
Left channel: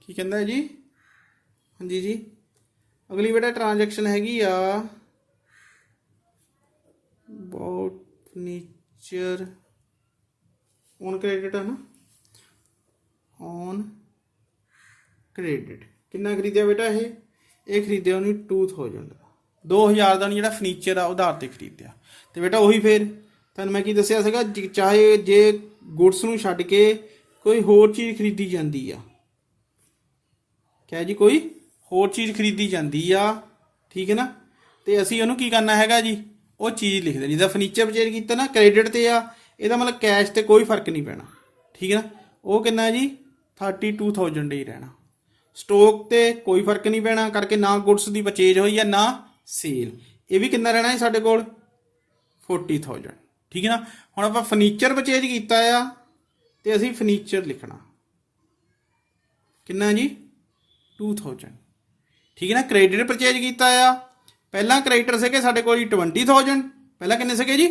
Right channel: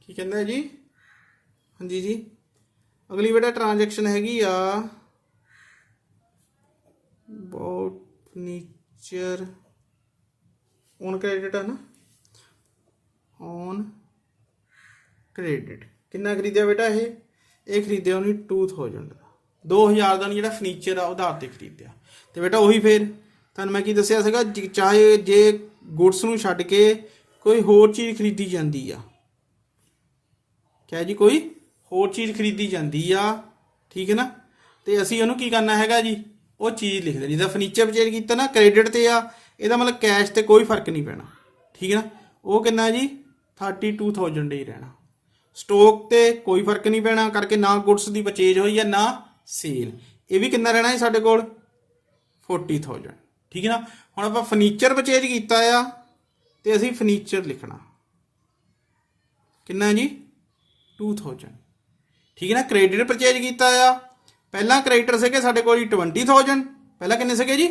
ਕੀ ਕਹਿੰਦਾ ਜੀ, ਹਾਂਜੀ ਜੀ ਅਗਲੀ ਬੇਟਾ ਟ੍ਰਾਂਜੈਕਸ਼ਨ ਹੈਗੀ ਆ ਬੋਟ ਫਰਨੀਚਰ ਔਨ ਕ੍ਰੈਡਿਟ ਹੈ ਨਾ, ਔਨ ਕ੍ਰੈਡਿਟ। ਕਿੰਨਾ ਖਰੀਦਿਆ ਬੇਟਾ ਇਹ ਖਰੀਦਿਆ ਉਹਨੇ 2,000 ਦਾ, 2,000 ਦਾ ਉਹਨੇ ਜਿਹੜਾ ਫਰਨੀਚਰ ਆ ਉਧਾਰ ਤੇ ਖਰੀਦਿਆ। ਤੇ ਬੇਟਾ ਉਹੀ ਫਿਰ ਤੁਹਾਨੂੰ ਮੈਂ ਕੀ ਦੱਸਿਆ ਸੀਗਾ, ਚਾਹੇ ਜੇ ਗੁਡਸ ਨੂੰ ਛੱਡ ਕੇ ਕੋਈ ਹੋਰ ਚੀਜ਼ ਖਰੀਦੀ ਜਾਂਦੀ ਆ, ਕਿਆ ਜੀ ਕੋਈ ਹੋਰ ਚੀਜ਼ ਖਰੀਦੀ ਜਾਂਦੀ ਆ, ਠੀਕ ਹੈ ਨਾ, ਤੇ ਅਸੀਂ ਉਹਨੂੰ ਕੀ ਕਰਨਾ ਹੈਗਾ ਜੀ ਉਹ ਚੀਜ਼ ਲਿਖਦੇ। ਜਿੱਦਾਂ ਫਰਨੀਚਰ ਪਰਚੇਜ ਕੀਤਾ ਨਾ ਕ੍ਰੈਡਿਟ ਤੇ ਆ, ਇਹਦਾ ਮਤਲਬ ਕੈਸ਼ ਤੇ ਕੋਈ ਫਰਕ ਨਹੀਂ ਪੈਣਾ। ਠੀਕ ਹੈ ਨਾ, ਉਹ ਕਿੰਨਾ ਜੀ 32,000 ਹੀ ਰਹਿਣਾ। ਸਟਾਕ ਤੇ ਕੋਈ ਫਰਕ ਨਹੀਂ ਪੈਣਾ ਕਰਕੇ ਨਾ ਗੁਡਸ ਦੀ ਪਰਚੇਜ ਹੋਈ ਆ ਨਾ ਸੇਲ, ਇਹ ਵੀ ਕਿੰਨਾ ਰਹਿਣਾ ਜੀ ਸਾਡੇ ਕੋਲ 40,000। ਠੀਕ ਹੈ ਨਾ, ਹੁਣ ਆਪਾਂ ਫਰਨੀਚਰ ਪਰਚੇਜ ਕੀਤਾ ਆ ਤੇ ਅਸੀਂ ਫਰਨੀਚਰ ਲਿਖਣਾ ਕਿੰਨਾ ਜੀ 2,000। ਠੀਕ ਹੈ ਨਾ, ਕ੍ਰੈਡਿਟ ਪਰਚੇਜ ਕੀਤਾ ਆ, ਪਹਿਲਾਂ ਕ੍ਰੈਡਿਟਰ ਸੀਗੇ ਸਾਡੇ ਕੋਲ 20,000, ਪਹਿਲਾਂ ਕਿੰਨੇ ਸੀਗੇ ਜੀ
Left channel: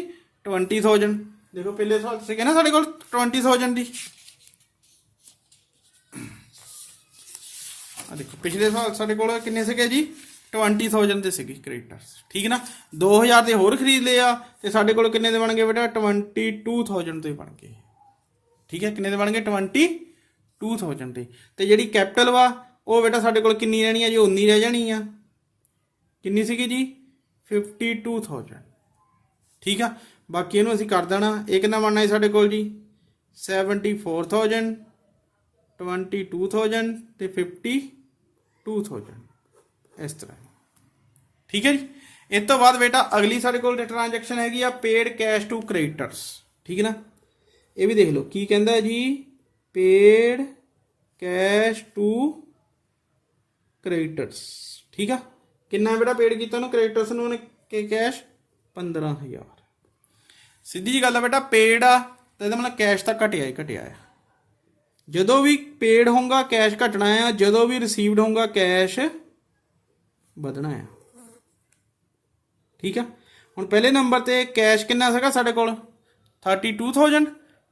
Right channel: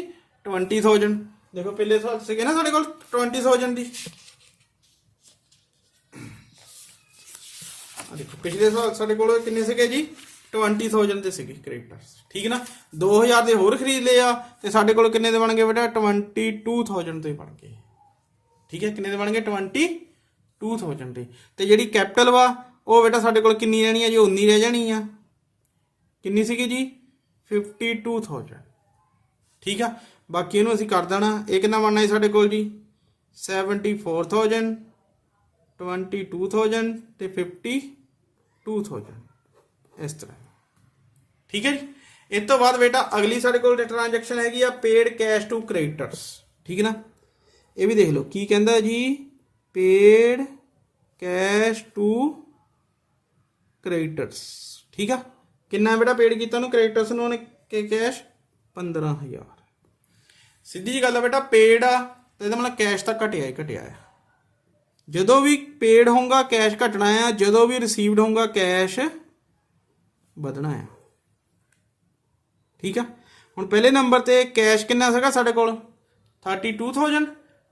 20,000। ਦੇਖੋ ਪਹਿਲੇ ਸਾਲ ਸੀਗੇ ਨਾ ਸਾਡੇ ਕੋਲ 20,000 ਦੀ, ਦੇਖੋ ਪਿਛਲੇ ਸਾਲ ਸਾਡੇ ਕੋਲ ਕਿੰਨੇ ਸੀਗੇ ਜੀ 20,000 ਦੇ ਸੀਗੇ ਕ੍ਰੈਡਿਟਰਸ। ਠੀਕ ਹੈ ਨਾ, 2,000 ਦੇ ਹੋਰ ਖਰੀਦ ਲਏ ਆ ਤੇ ਸਾਡੇ ਕੋਲ ਕਿੰਨੇ ਦੇ ਬਣ ਗਏ ਬੇਟਾ 22,000 ਦੇ ਬਣ ਗਏ। ਠੀਕ ਹੈ, ਕਿੰਨੇ ਦੇ ਬਣ ਗਏ 22,000 ਦੇ। ਤੇ ਜਿਹੜੀ ਕੈਪੀਟਲ ਵਾ ਉਹ ਬੇਟਾ ਸਾਡੇ ਕੋਲ ਕਿੰਨੀ ਰਹਿਣੀ ਆ ਜੀ 19 ਰਹਿ ਜਾਣੀ ਆ, ਕਿੰਨੀ ਸੀਗੀ ਜੀ 52,000। ਠੀਕ ਆ, ਬਾਕੀ ਇਹਨੂੰ ਅਸੀਂ ਕਰ ਦੇਣਾ, ਇਹ ਕਿੰਨਾ ਬਣਨਾ ਜੀ ਸਾਡੇ ਕੋਲ ਜੀ 74,000 22,000 ਤੇ 52,000 ਇਸ ਤਰ੍ਹਾਂ। ਠੀਕ ਹੈ ਜੀ, ਇਸ ਤੋਂ ਬਾਅਦ ਬੇਟਾ ਅਗਲੀ ਸਾਡੇ ਕੋਲ ਟ੍ਰਾਂਜੈਕਸ਼ਨ ਹੈਗੀ ਆ ਪੇਡ ਕੈਸ਼ ਟੂ ਕ੍ਰੈਡਿਟਰਸ। ਠੀਕ ਹੈ ਨਾ, ਇਹ ਵੀ ਦੇਖ ਲਓ ਕੀ ਕਹਿੰਦਾ ਜੀ ਪੇਡ ਕੈਸ਼ ਟੂ ਕ੍ਰੈਡਿਟਰਸ। ਠੀਕ ਆ, ਕਿੰਨਾ ਬੇਟਾ ਪੇਡ ਕੀਤਾ ਉਹਨੂੰ ਕ੍ਰੈਡਿਟਰਸ ਨੂੰ ਉਹਨੇ ਕੈਸ਼ 15,000। ਸਿੱਧੀ ਜੀ ਗੱਲ ਆ ਬੇਟਾ ਪੇਡ ਆ ਤਾਂ ਇਹਦਾ ਮਤਲਬ ਕੈਸ਼ ਤਾਂ ਘਟਿਆ ਹੀ ਘਟਿਆ ਆ। ਜਦੋਂ ਵੀ ਪੇਡ ਹੋਊਗਾ ਕੈਸ਼ ਘਟਣਾ ਆ, ਜਦੋਂ ਵੀ ਰਿਸੀਵਡ ਹੋਊਗਾ ਕੈਸ਼ ਵਧਣਾ ਆ। ਠੀਕ ਆ, ਹੁਣ ਪਹਿਲੇ ਨੰਬਰ ਤੇ ਕੈਸ਼ ਕਿੰਨਾ ਸੀਗਾ ਸਾਡੇ ਕੋਲ 32,000।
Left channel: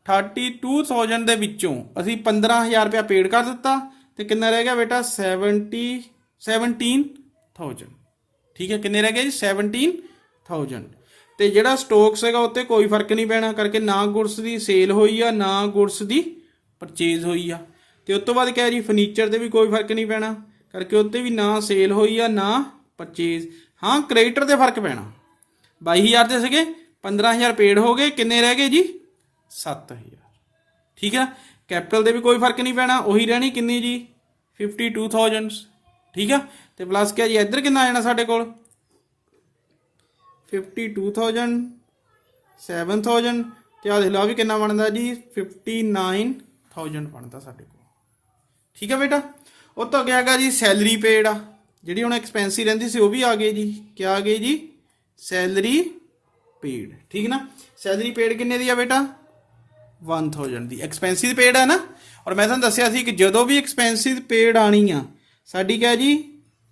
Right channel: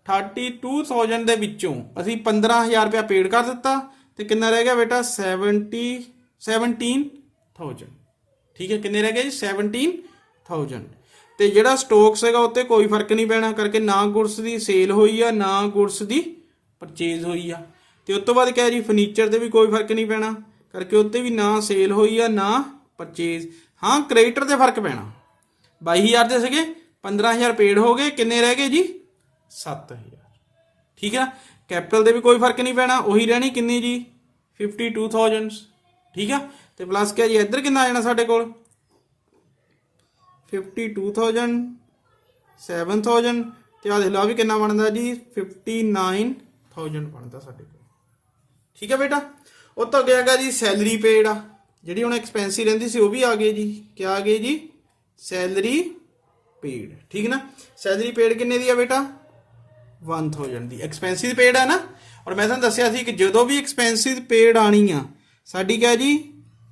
32,000 ਦੇ ਵਿੱਚੋਂ ਅਸੀਂ 15,000 ਰੁਪਇਆ ਪੇਡ ਕਰ ਦਿੱਤਾ ਤੇ ਕਿੰਨਾ ਰਹਿ ਗਿਆ ਬੇਟਾ 17,000। ਠੀਕ ਹੈ, ਕਿੰਨੇ ਰਹਿ ਗਏ ਜੀ 17,000। ਤੇ ਜਿਹੜਾ ਸਟਾਕ ਸੀਗਾ ਉੱਤੇ ਕੋਈ ਫਰਕ ਨਹੀਂ ਪੈਣਾ ਕਰਕੇ ਨਾ ਗੁਡਸ ਦੀ ਸੇਲ ਹੋਈ ਆ ਨਾ ਗੁਡਸ ਦੀ ਪਰਚੇਜ਼ ਹੋਈ ਆ। ਤੇ ਉਸ ਤੋਂ ਬਾਅਦ ਕਿਹਾ ਜੀ ਫਰਨੀਚਰ ਤੇ ਵੀ ਕੋਈ ਫਰਕ ਨਹੀਂ ਪੈਣਾ ਕਰਕੇ ਉੱਤੇ ਵੀ ਨਾ ਸੇਲ ਹੋਈ ਆ ਨਾ ਪਰਚੇਜ਼। ਹਾਂ ਕ੍ਰੈਡਿਟਰ ਤੇ ਫਰਕ ਪੈਣਾ, 22,000 ਦੇ ਸੀਗੇ 15,000 ਪੇਡ ਹੋ ਗਏ, ਕਿੰਨੇ ਰਹਿ ਗਏ ਜੀ 7,000। ਠੀਕ ਹੈ ਨਾ, ਕੈਪੀਟਲ ਦੇ ਵੀ ਕੋਈ ਫਰਕ ਨਹੀਂ ਪੈਣਾ, ਉਹੀ ਰਹਿਣੀ ਕਿੰਨੀ ਜੀ 52,000। ਠੀਕ ਆ, ਤੇ ਪਲੱਸ ਕਿਹਾ ਜੀ ਇੱਧਰ ਕਿੰਨਾ ਆ ਜਾਣਾ ਸਾਡੇ ਕੋਲ 52,000 7,000 ਤੇ ਆ ਦੇਖ ਲਓ ਆ ਵੀ ਕਿੰਨਾ ਬਣਦਾ ਜੀ 59,000 ਬਣਦਾ ਸਾਡੇ ਕੋਲ। ਠੀਕ ਹੈ ਬੇਟਾ। ਉਹ ਤੋਂ ਅੱਗੇ ਹੈਗਾ ਜੀ ਸੈਲਰੀ ਪੇਡ ਆ, ਜਿਹੜੀ ਹੁਣ ਐਕਸਪੈਂਸਿਵ ਰਹਿੰਦੀ ਸੀ ਉਹ ਵੀ ਆ ਗਈ ਜੀ। ਕਿਆ ਆ ਗਈ ਜੀ ਸੈਲਰੀ ਪੇਡ। ਠੀਕ ਨਾ। ਸੈਲਰੀ ਪੇਡ ਕਿੰਨੇ ਦੀ ਆ ਬੇਟਾ 1000 ਦੀ। ਐਕਸਪੈਂਸਿਵ ਪੇਡ ਆ ਨਾ। ਔਰ ਮੈਂ ਤੁਹਾਨੂੰ ਦੱਸਿਆ ਸੀ ਕਿ ਜਦੋਂ ਵੀ ਐਕਸਪੈਂਸਿਵ ਪੇਡ ਆਣੀ ਆ ਸਾਡੀ ਕਿਆ ਜੀ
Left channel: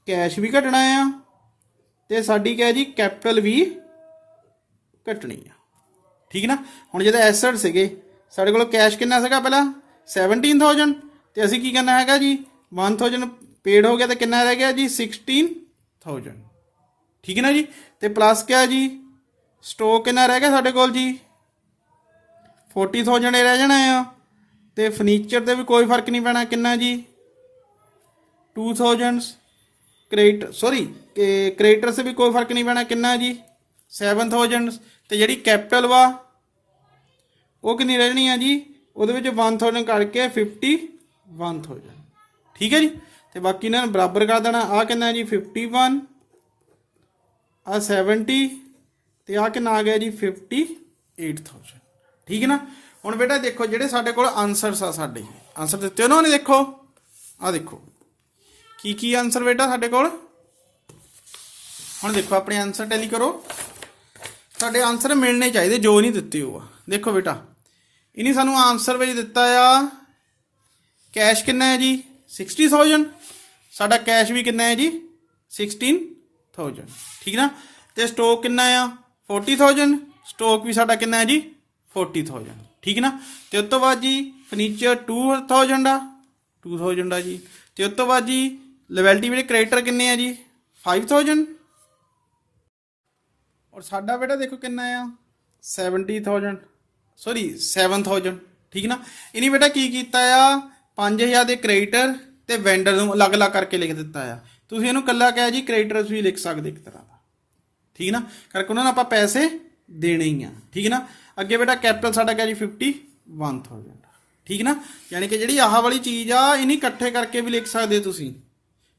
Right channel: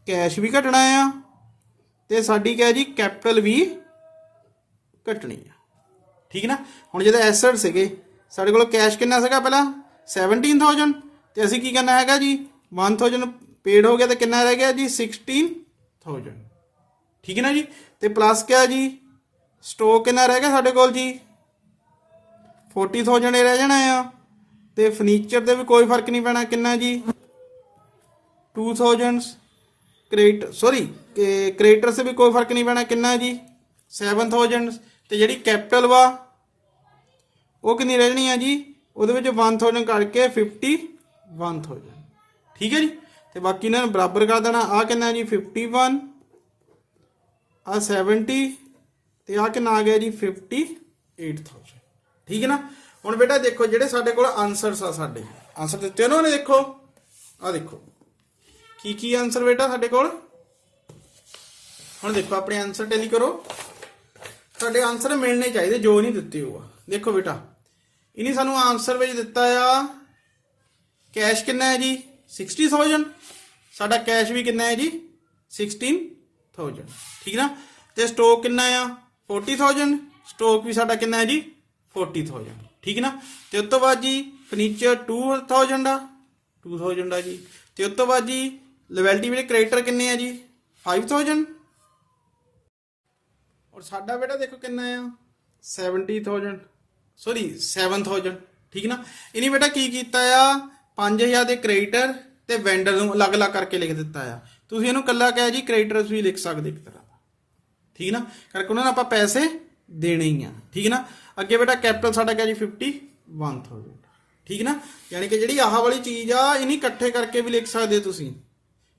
ਕੈਸ਼ ਵੀ ਘਟਣਾ ਆ ਤੇ ਸਾਡੀ ਕਿਆ ਜੀ ਕੈਪੀਟਲ ਵੀ ਘਟਣੀ ਆ। ਠੀਕ ਨਾ। ਹੁਣ ਜਦੋਂ ਐਸਟ ਸੀਗੇ ਸਾਡੇ ਕੋਲ ਕੈਸ਼ ਕਿੰਨਾ ਸੀਗਾ ਪਹਿਲਾਂ 17,000 ਤੇ ਅਸੀਂ ਕੀ ਕਰਨਾ ਹੈਗਾ ਜੀ 1000 ਪੇਡ ਹੋ ਗਿਆ ਤੇ ਕਿੰਨਾ ਰਹਿ ਗਿਆ ਜੀ 16,000। ਠੀਕ ਹੈ ਨਾ ਜੀ। ਤੇ ਪਲੱਸ ਕਿਆ ਜੀ ਸਟਾਕ ਕਿੰਨਾ ਰਹਿ ਗਿਆ ਸਾਡੇ ਕੋਲ ਜੀ 40,000 ਰਹਿ ਜਾਣਾ ਆ। ਤੇ ਫਰਨੀਚਰ ਤੇ ਵੀ ਕੋਈ ਫਰਕ ਨਹੀਂ ਪੈਣਾ ਕਿੰਨਾ ਜੀ 2,000। ਕ੍ਰੇਡੀਟਰ ਸੇ ਵੀ ਕੋਈ ਫਰਕ ਨਹੀਂ ਪੈਣਾ ਕਿੰਨਾ ਜੀ 7,000। ਤੇ ਜਿਹੜੀ ਕੈਪੀਟਲ ਵਾ ਉਹ ਕਿੰਨੀ ਰਹਿ ਜਾਣੀ ਆ ਜੀ ਉਹਦੇ ਵਿੱਚ 1000 ਕਰਕੇ 51,000। ਠੀਕ ਹੈ ਜੀ। ਤੇ ਬਾਕੀ ਇਹਨਾਂ ਨੂੰ ਬਰਾਬਰ ਕਰ ਦੇਣਾ। ਆ ਕਿੰਨਾ ਜੀ 51 ਆ 70 ਤੇ ਆ ਕਿੰਨਾ ਆ ਗਿਆ ਜੀ 58,000। ਠੀਕ ਹੈ ਨਾ। ਹੁਣ ਬੇਟਾ ਦੇਖੋ ਜਿਹੜੇ ਸਾਡੇ ਕੋਲ ਆਨਸਰਸ ਆ ਸਾਡੇ ਆਨਸਰ ਦਿੱਤੇ ਉਹਨਾਂ ਨੇ ਦੇਖੋ ਆ ਦੇਖੋ ਕੀ ਆਨਸਰ ਬੇਟਾ ਸਾਡੇ ਕੋਲ। ਹੁਣ ਦੇਖੋ ਆਪਣੇ ਆਨਸਰ ਟੈਲੀ ਕਰੋ। ਸਾਡੇ ਆਨਸਰ ਮਿਲਣੇ ਚਾਹੀਦੇ ਜੋ ਨਹੀਂ ਦਿੱਤੇ ਹੋ। ਦੇਖੋ ਬੇਟਾ ਇਹਨੇ ਸਾਨੂੰ ਆਨਸਰ ਵਿੱਚ ਦਿੱਤਾ ਆ ਕੈਸ਼ ਕਿੰਨਾ ਹੈ ਜੀ 60,000। ਸਾਡਾ ਕੈਸ਼ ਵੀ ਕਿੰਨਾ ਹੈ ਜੀ 16,000। ਠੀਕ ਨਾ। ਤੇ ਸਟਾਕ ਕਿੰਨਾ ਆ 40,000। ਸਟਾਕ ਵੀ ਸਾਡਾ ਕਿੰਨਾ ਹੈ ਜੀ 40,000। ਠੀਕ ਨਾ। ਤੇ ਉਸ ਤੋਂ ਬਾਅਦ ਜੀ ਫਰਨੀਚਰ 2,000 ਆ 2,000 ਆ ਜੀ। ਤੇ ਉਸ ਤੋਂ ਬਾਅਦ ਜੀ ਲਾਇਬਿਲਿਟੀ ਵਿੱਚ ਕ੍ਰੈਡੀਟਰ ਕਿੰਨੇ ਆ ਜੀ 5,000। ਔਰ ਸਾਡਾ ਬੇਟਾ ਦੇਖੋ ਕਿੰਨਾ ਆ 7,000। ਠੀਕ ਨਾ। ਇਹਨੇ ਬੇਟਾ ਕੀ ਕੀਤਾ ਆ 5,000 ਦੇ ਕ੍ਰੈਡੀਟਰ ਤੇ ਵੈਂਡਰ ਨੂੰ ਅਲੱਗ-ਅਲੱਗ ਕਰਕੇ ਲਿਖ ਦਿੱਤਾ ਆ। ਤੁਸੀਂ ਇਹਨੂੰ ਇਕੱਲਾ ਕਿਹਾ ਜੀ ਕ੍ਰੈਡੀਟਰਸ ਵੀ ਲਿਖ ਸਕਦੇ ਇੱਕ ਤਰ੍ਹਾਂ ਦਾ। ਠੀਕ ਨਾ। ਕਰਕੇ ਉਹਨਾਂ ਨੂੰ ਆਪਾਂ ਪੈਸੇ ਦੇਣੇ ਹੀ ਆ। ਠੀਕ ਨਾ। ਅੱਗੇ ਬੇਟਾ ਕੈਪੀਟਲ ਸਾਡਾ ਕਿਹਾ ਜੀ 51,000। ਠੀਕ ਨਾ। ਯਾਨੀ ਕਿ ਜਿਹੜੀ ਆਹ ਵਾਲੀ ਚੀਜ਼ ਆ ਇਹਨੇ ਇਕੱਠੇ ਕਰਕੇ ਵੀ ਲਿਖ ਸਕਦੇ ਤੁਸੀਂ।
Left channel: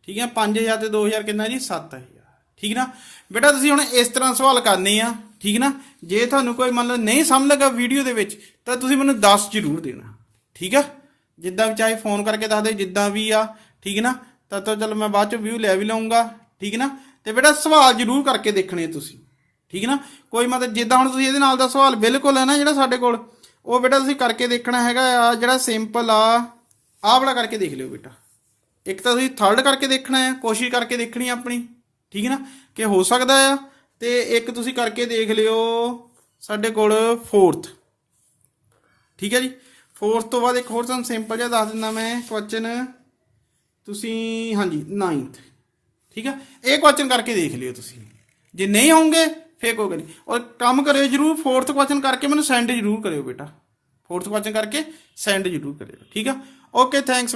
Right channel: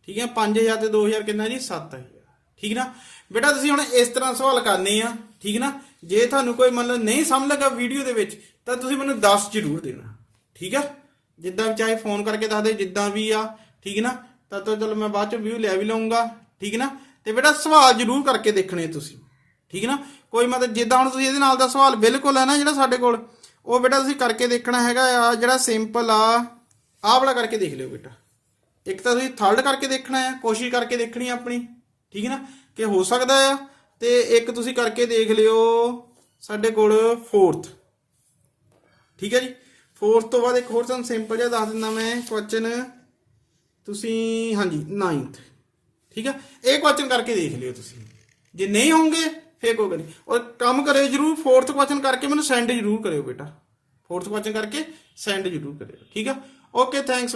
ਠੀਕ ਹੈ 5,000 ਤੇ 2,000 ਕਿੰਨਾ ਜੀ 7,000। ਠੀਕ ਨਾ। ਬੇਟਾ ਤੁਸੀਂ ਹੁਣ ਇਸ ਤਰ੍ਹਾਂ ਸਵਾਲ ਕਰਨੇ ਆ। ਠੀਕ ਨਾ। ਜੇ ਤੁਹਾਨੂੰ ਕੋਈ ਮੰਨ ਲਓ ਨਹੀਂ ਸਮਝ ਲੱਗਾ ਵੀਡੀਓ ਦੇ ਵਿੱਚ ਤਾਂ ਤੁਸੀਂ ਮੈਨੂੰ ਦੱਸ ਜ਼ਰੂਰ ਦੇਣਾ। ਠੀਕ ਹੈ ਜਿੱਦਾਂ ਵੀ ਚਾਹੇ ਫੋਨ ਕਰਕੇ ਦੱਸ ਦੇ ਜਿੱਦਾਂ ਵੀ ਆ। ਠੀਕ ਨਾ। ਤਾਂ ਚਲ ਮੈਂ ਬਾਅਦ ਚ ਵਿਊ ਲੈ ਵੀ ਲਊਂਗਾ। ਠੀਕ ਨਾ। ਤੇ ਬੇਟਾ ਸਵਾਲ ਜ਼ਰੂਰ ਕਰਕੇ ਦੇਖਣੇ ਤੁਸੀਂ। ਠੀਕ ਨਾ। ਕੋਈ ਮਤਲਬ ਜਿੱਦਾਂ ਹੁਣ ਤੁਸੀਂ ਇਹਦੇ ਨਾਲ ਦਾ ਸਵਾਲ ਬਿਲਕੁਲ ਹੈ ਨਾ ਜਿਹੜਾ ਸਾਡੇ ਕੋਲ ਉਹ ਬੇਟਾ ਤੁਸੀਂ ਕਰਕੇ ਦੇਖਣਾ ਹੈਗਾ ਆ। ਜਿਹੜਾ ਸਿੰਪਲ ਆ ਆਹ ਵਾਲਾ ਕਰਕੇ ਦੇਖ ਲਿਓ ਬੇਟਾ। ਇੱਕ ਤਾਂ ਤੁਸੀਂ ਥਰਡ ਕਰਕੇ ਦੇਖਣਾ ਆ ਕੋਸ਼ਿਸ਼ ਕਰਕੇ ਦੇਖਣੀ ਆਪਣੀ। ਠੀਕ ਨਾ ਕਿ ਹੋ ਸਕਦਾ ਆ। ਤੇ ਇੱਕ ਤੁਸੀਂ ਕਰਕੇ ਦੇਖ ਲਿਓ ਸਾਡੇ ਕੋਲ 4th। ਠੀਕ ਹੈ ਜੀ। 4th ਤੋਂ ਬਾਅਦ ਇੱਕ ਹੋਰ ਤੁਹਾਨੂੰ ਸਿੰਪਲ ਜਿਹਾ ਦੱਸ ਦਿੰਦਾ ਮੈਂ ਕੁਐਸਚਨ ਤੁਸੀਂ ਹਾਂਜੀ 9th। ਠੀਕ ਆ ਇਹ ਕੁਐਸਚਨ ਕਰਕੇ ਦੇਖ ਲਿਓ ਤੁਸੀਂ। ਜੇ ਨਹੀਂ ਹੋਣਗੇ ਫੇਰ ਕੋਈ ਗੱਲ ਨਹੀਂ। ਔਰ ਕੰਮ ਕਰਿਓ ਜ਼ਰੂਰ 4th ਕੁਐਸਚਨ ਕਰਕੇ ਮੈਨੂੰ ਸੈਂਡ ਜ਼ਰੂਰ ਕਰਿਓ ਬੇਟਾ। 4th ਕੁਐਸਚਨ ਕਰਕੇ ਸੈਂਡ ਜ਼ਰੂਰ ਕਰਿਓ। ਠੀਕ ਆ ਓਕੇ ਥੈਂਕਸ।